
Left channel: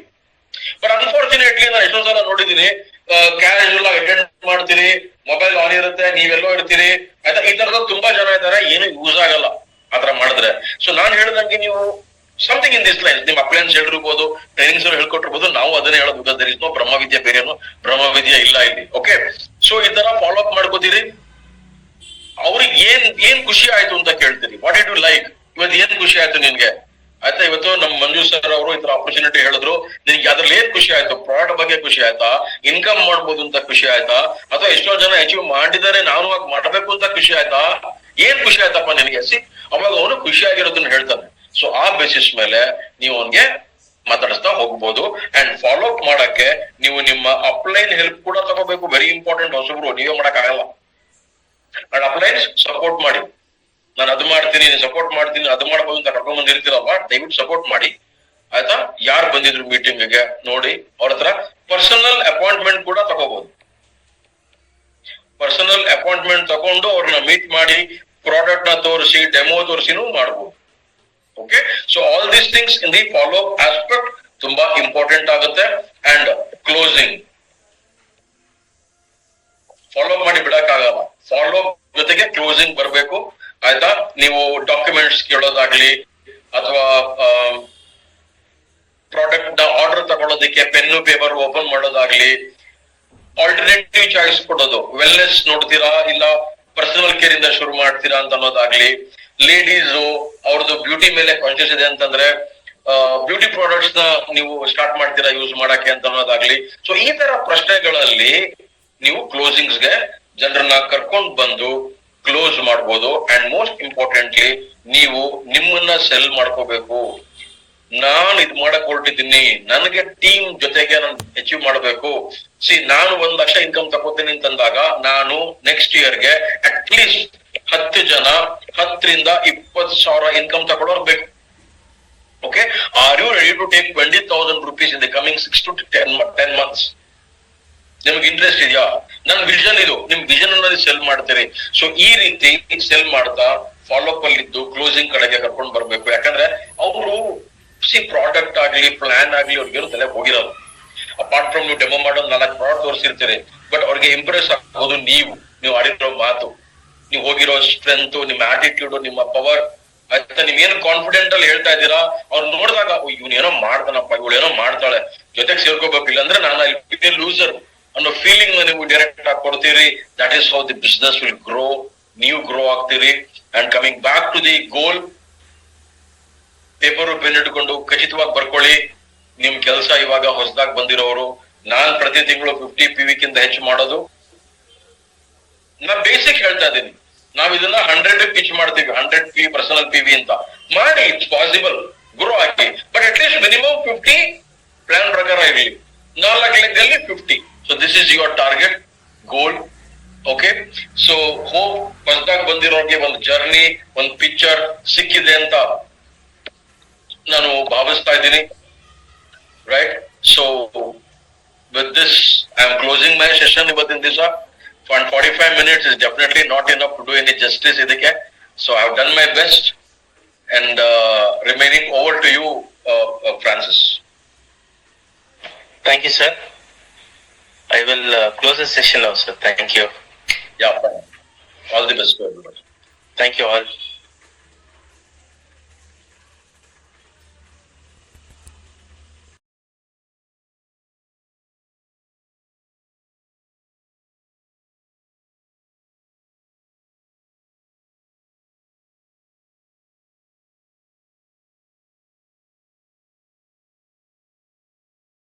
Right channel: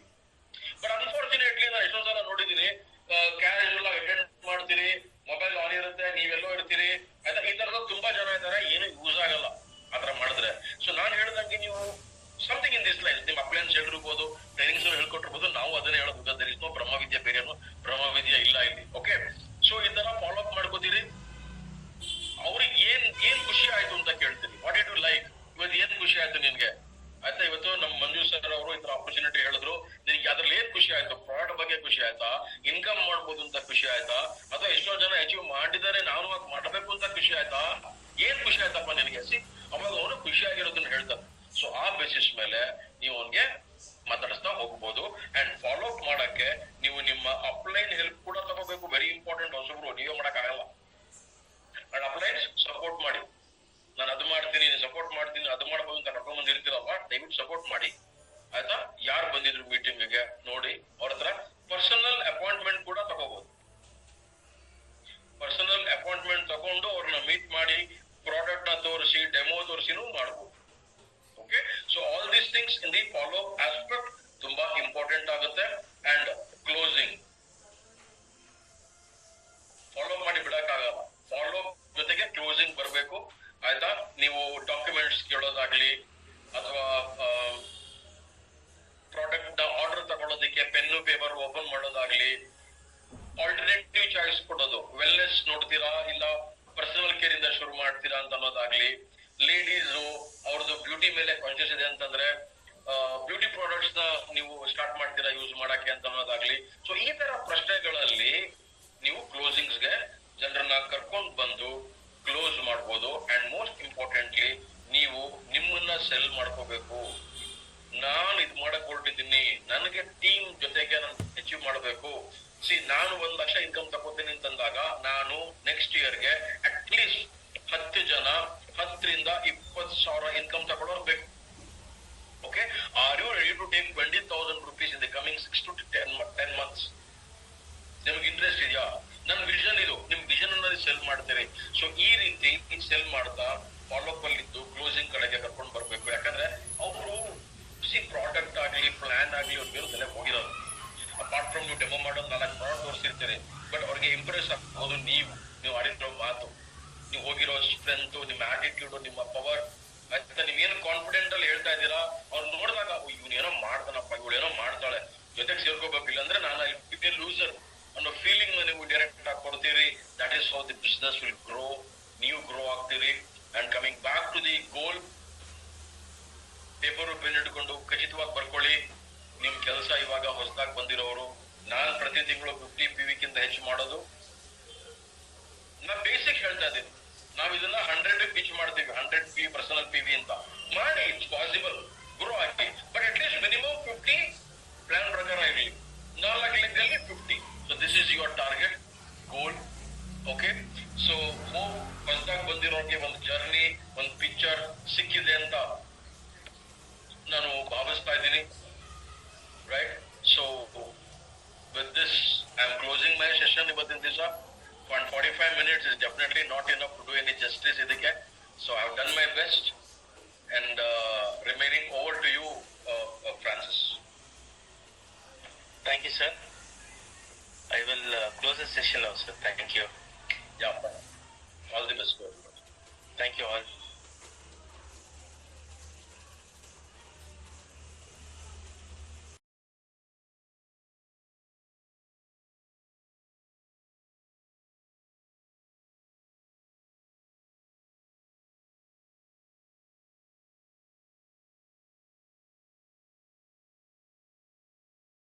ಬಟ್ ಅನ್ಫಾರ್ಚುನೇಟ್ಲಿ ನಾನು ಎಷ್ಟೋ ಸಲ ನೋಡಿದೀನಿ, ಕ್ಯಾಶುವಲ್ ಆಗಿ ಅಟೆಂಡ್ ಮಾಡ್ತೀರಿ, ಮೊಬೈಲ್ ಆನ್ ಇರುತ್ತೆ, ನೀವೆಲ್ಲೋ ಇರ್ತೀರಿ, ಆಯ್ತಾ, ಈ ತರದ ತುಂಬಾ ಜನ ಇದ್ದಾರೆ, ಏನು ಯೂಸ್ ಆಗಲ್ಲ ಆತರ ಮಾಡಿದ್ರೆ. ಸೊ ನಾನ್ ಹೇಳ್ದಂಗೆ ನೀವು ಸಮಥಿಂಗ್ ಇನ್ ದಿಸ್ ಲೈನ್, ನಿಮ್ ಅಪ್ಲೈನ್ಸ್ ಹೇಳಿರ್ಬೋದು, ಟ್ರೈನಿಂಗ್ಸ್ ಹೇಳ್ಕೊಟ್ಟಿರ್ಬೋದು, ನಾವು ಅದನ್ನೇ ಹೇಳೋದು. ಬಿಕಾಸ್ ದರ್ ಇಸ್ ನೋ ಬ್ರಹ್ಮವಿದ್ಯೆ, ಬೇರೆನು ಬ್ರಹ್ಮವಿದ್ಯೆ ಇಲ್ಲ ಇಲ್ಲಿ. ಓಕೆ, ಸೊ ಈ ತರ ಫಾಲೋ ಅಪ್ ಮಾಡ್ಕೋತೀರಿ. ಅವ್ರಿಗೆ ಏನ್ ಖುಷಿ ಆಯ್ತು ಅಂತ ಕೇಳ್ತೀರಿ. ವಾಟ್ ಡಿಡ್ ಯು ಲೈಕ್, ಇವತ್ತು ಏನ್ ಖುಷಿ ಆಯ್ತು ನಿನ್ಗೆ? ಆಯ್ತಾ, ಇವತ್ತು ನಮ್ ಮಂಜು ಸರ್ ಅವರು ಈ ತರ ಆಪರ್ಚುನಿಟಿ ಹೇಳಿದ್ರು, ನಿನ್ಗೆ ಅದ್ರಲ್ಲಿ ಏನ್ ಖುಷಿ ಆಯ್ತು? ಪ್ರಾಡಕ್ಟ್ ಬಗ್ಗೆ ಖುಷಿ ಆಯ್ತಾ? ಇನ್ಕಮ್ ಮಾಡ್ಬೋದು ಅಂತ ಖುಷಿ ಆಯ್ತಾ? ಅಥವಾ ಎಷ್ಟೋ ಜನ ಅಚೀವ್ ಮಾಡಿದ್ದಾರೆ, ನಾನು ಆಗ ಮಾಡ್ಬೇಕು ಅಂತ ಖುಷಿ ಆಯ್ತಾ? ಏನ್ ಖುಷಿ ಆಯ್ತಪ್ಪ ನಿನಗೆ? ಅವಾಗ ಅವನು ಖುಷಿಯಾಗಿರೋದನ್ನ ಹೇಳ್ತಾನೆ. ಸೊ ಆ ಬೇಸಿಸ್ ಮೇಲೆ ನೀವು ಅವನ್ಗೆ ಮಾತಾಡಿಸ್ತಾ ಹೋಗ್ಬೋದು. ಅಂಡ್ ಫಾಲೋ ಅಪ್ ಮಾಡಕ್ಕೆ ನೀವು ನಿಮ್ಮ ಅಪ್ಲೈನ್ ಹೆಲ್ಪ್ ಕೂಡ ತಗೋಬೇಕು. Very important. ಹೊಸಬ್ರು ನೀವೇ ಮಾಡಕ್ ಆಗಲ್ಲ. ಅಂಡ್ ಅಪ್ಲೈನ್ಸ್ ಸಪೋರ್ಟ್ ಮಾಡಿ. ನಾನು ಅದು ಮಾಡ್ತೀನಿ, ಸಪೋರ್ಟ್ ಮಾಡ್ತೀನಿ, ಅದು ಮಾಡ್ಬೋದು ಅಂತ ಕರ್ಕೊಂಡ್ ಬಂದಿರ್ತೀರಲ್ವಾ, ದಯವಿಟ್ಟು ಸಪೋರ್ಟ್ ಮಾಡಿ. ಆಯ್ತಾ, ಯಾರು ಬಂದಿದ್ರು ಮೀಟಿಂಗ್ ಗೆ ನೋಡಿ, ಅವ್ರ ಹತ್ರ ಪರ್ಸನಲ್ ಅಪಾಯಿಂಟ್ಮೆಂಟ್ ಕೂಡ ತಗೋಬಹುದು. ಪರ್ಸನಲ್ ಅಪಾಯಿಂಟ್ಮೆಂಟ್ ತಗೊಂಡು ಅವ್ರನ್ನ ಮೀಟ್ ಮಾಡಿ, ಪ್ರಾಡಕ್ಟ್ ನ ತೋರಿಸಿ, ಡೆಮೋ ತೋರಿಸಿನೂ ಮಾಡ್ಬೋದು. Okay, so all these things in the follow up aspect ತುಂಬಾ ಇಂಪಾರ್ಟೆಂಟ್ ಆಗುತ್ತೆ. ಅಂಡ್ ಕ್ಲೋಸಿಂಗ್ ಫಾಲೋ ಅಪ್ ಮಾಡಿ ಬಿಡಕ್ಕಾಗಲ್ಲ. ಫಾಲೋ ಅಪ್ ಜೊತೆಗೆ ಕ್ಲೋಸಿಂಗ್ ಬರಬೇಕು. ಆಯ್ತಾ, ನೀವು ಡಾಕ್ಯುಮೆಂಟ್ಸ್ ಕೇಳೋದಾಗ್ಲಿ, ಅಥವಾ ಪ್ರಾಡಕ್ಟ್ ನ ಆರ್ಡರ್ ತಗೊಳ್ಳೋದಕ್ಕೆ ಪೆನ್ನು ಪೇಪರ್ ಓಪನ್ ಮಾಡೋದಾಗ್ಲಿ, ಆಲ್ಟರ್ನೇಟಿವ್ ಚಾಯ್ಸ್ ಕೊಡೋದು. ವೆಲ್ನೆಸ್ ನೋಡ್ತೀರಾ, ಇಲ್ಲ ಪರ್ಸನಲ್ ಕೇರ್ ಇಂದ ಶುರು ಮಾಡ್ತೀರಾ ಅಂತ ಅನ್ನೋದಾಗ್ಲಿ, ಲೇಡೀಸ್ ಅವ್ರದ್ದು ಬ್ಯೂಟಿ ಮೇಲೆ ಕಾನ್ಶಿಯಸ್ ಇದೆ ಅಂತಂದ್ರೆ ಬ್ಯೂಟಿ ಪ್ರಾಡಕ್ಟ್ಸ್ ನ ನೀವು ಸ್ಟಾರ್ಟ್ ಮಾಡ್ತೀರಾ ಯೂಸ್ ಮಾಡಕ್ಕೆ ಅಂತ ಅನ್ನೋದಾಗ್ಲಿ. ಸೊ ಈ ತರ ಪ್ರಶ್ನೆಗಳಲ್ಲಿ ನೀವು ಕ್ಲೋಸಿಂಗ್ಸ್ ಗೆ ಜನರನ್ನ ಕರ್ಕೊಂಡ್ ಬಂದು ಕ್ಲೋಸ್ ಮಾಡ್ಬೋದು. ಅಂಡ್ ಮೋಸ್ಟ್ ಇಂಪಾರ್ಟೆಂಟ್ಲಿ ನೀವು ನಿಮ್ಮನ್ನ ಸೆಲ್ ಮಾಡ್ಕೋಬೇಕು. ನಾನು ಇದ್ ಮಾಡಕ್ ಹೊರಟಿದ್ದೀನಿ, ನನಗೆ ಟೀಮ್ ಜೊತೆಗೆ ನಾನು ಅಚೀವ್ ಮಾಡ್ಬೇಕು. ನಾನು 1 ಲಕ್ಷ ಇನ್ಕಮ್ ತಗೋತೀನಿ ಅಂತಂದಾಗ ನಾನು ನೆಕ್ಸ್ಟ್ ಇಯರ್ಗೆ ಅಟ್ ಲೀಸ್ಟ್ 10 ಜನ 10 ರಿಂದ 20,000 ಇನ್ಕಮ್ ತಗೊಳ್ಳೋರು ಬೇಕು. Okay, are you ready to take 20,000 rupees in the coming 6 to 10 months? ನಿಮ್ಗೆ ಇಂಟ್ರೆಸ್ಟ್ ಇದೆಯಾ? ನನ್ ವಿಷನ್ ಇದು, ನಿಮ್ ವಿಷನ್ ಅನ್ನೋದು ಸೆಲ್ ಮಾಡ್ತೀರಿ. ಸೊ ಈ ರೀತಿ ಸೆಲ್ ಮಾಡ್ತಾ ಫಾಲೋ ಅಪ್ ಅಲ್ಲಿ ಇದ್ದು ಕ್ಲೋಸಿಂಗ್ ಕಡೆಗೆ ಕರ್ಕೊಂಡು ಬರ್ಬೇಕು. ಯಾಕಂದ್ರೆ ಅವರು ಪ್ರಾಡಕ್ಟ್ ಆಗ್ಲಿ, ಪ್ಲಾನ್ ಆಗ್ಲಿ, ಅವ್ರಿಗೆ ತಲೆ ಹೋಗಿರೋದು. ಅಪಾರ್ಟ್ ಫ್ರಮ್ ನೀವು ಡೆಮೋ ಮಾಡೋದು 4 ಪ್ರಾಡಕ್ಟ್ ತೋರಿಸಿರ್ತೀರಿ, ಬಟ್ ಅವ್ರಿಗೆ ಇಂಪ್ರೆಸ್ ಆಗೋದು ನೀವು ಆಡಿರೋ ಮಾತು, ನೀವು ಹೋಗಿರೋ ಸ್ಟ್ರೆಂತ್, ನಿಮ್ಮ ಆಟಿಟ್ಯೂಡ್, ನಿಮ್ಮ ಪವರ್. ಆಯ್ತಾ, ನೀವ್ ಏನು ಕಾನ್ಫಿಡೆಂಟ್ ಅಲ್ಲಿ ಹೇಳ್ತಾ ಇದ್ದೀರಾ, ಅವ್ರು ನೋಡಿದಾಗ ಇವ್ನು ಏನೋ ಮಾಡ್ತಾನಪ್ಪ, ಇವಳು ಏನೋ ಮಾಡ್ತಾಳೆ, ಜೊತೆಗೆ ಸೇರ್ಕೋಬೇಕು, ಇಲ್ಲಾಂದ್ರೆ ನಾನು ಅಲ್ಲಿ ಲೂಸರ್ ಅನ್ನೋ ಫೀಲಿಂಗ್ ನೀವು ಡೈರೆಕ್ಟ್ ಆಗಿ ಕೊಡ್ತೀರಿ. That is how the business will grow. ನೀವು ಗ್ರೋ ಆಗ್ತೀರಿ. And coming back to the goal, paper pen ಇಟ್ಕೊಂಡು ಖಚಿತವಾಗಿ ಬರ್ಕೊಳ್ಳಿ. ನಿಮ್ ಕೆಲಸ ಇವಾಗ ಹೊಸದಾಗಿ ಬಂದಿರೋರು, ನಾನ್ ಪ್ರತಿ ತಿಂಗಳು 50 PV ಕಿಂತ ಹೆಚ್ಚು ಮಾಡೋದು. ನಾ ಬೇಸಿಕ್ ಹೇಳ್ತಾ ಇದ್ದೀನಿ. ನಾವ್ ಇದನ್ನ 100 ಪಿಚ್ ಮಾಡ್ತೀವಿ, 100 PV ಪರ್ಸನಲ್ PV ಅಂತ ಮಾಡಿ. ಇಟ್ಸ್ ಪಾಸಿಬಲ್, ಗ್ರೋ ಆಗಿ. But at least minimum 50 plan ಪ್ರಕಾರ ಇರಲಿ. 4 ಲೆಕ್ಕದಲ್ಲಿ 50. So this is your target goal. Okay, so hope ಹೊಸದಾಗಿ ಬಂದಿರೋರಿಗೆ ಒಂದು ಜರ್ನಿ, ಒಂದು ಪಿಕ್ಚರ್ ಸಿಕ್ಕಿದೆ ಅಂತ ನಾನು ಭಾವಿಸ್ತಾ ಇದ್ದೀನಿ. Right, so with this I am closing my session ಇವತ್ತಿನ ದಿವಸ. 45 minutes is definitely not enough to do any justice idike. So I have done my best, and remaining over to you, Francis. Thank you, sir. I will close the session now, sir. Thank you. Yeah, fine. All the best to everybody. Thank you all.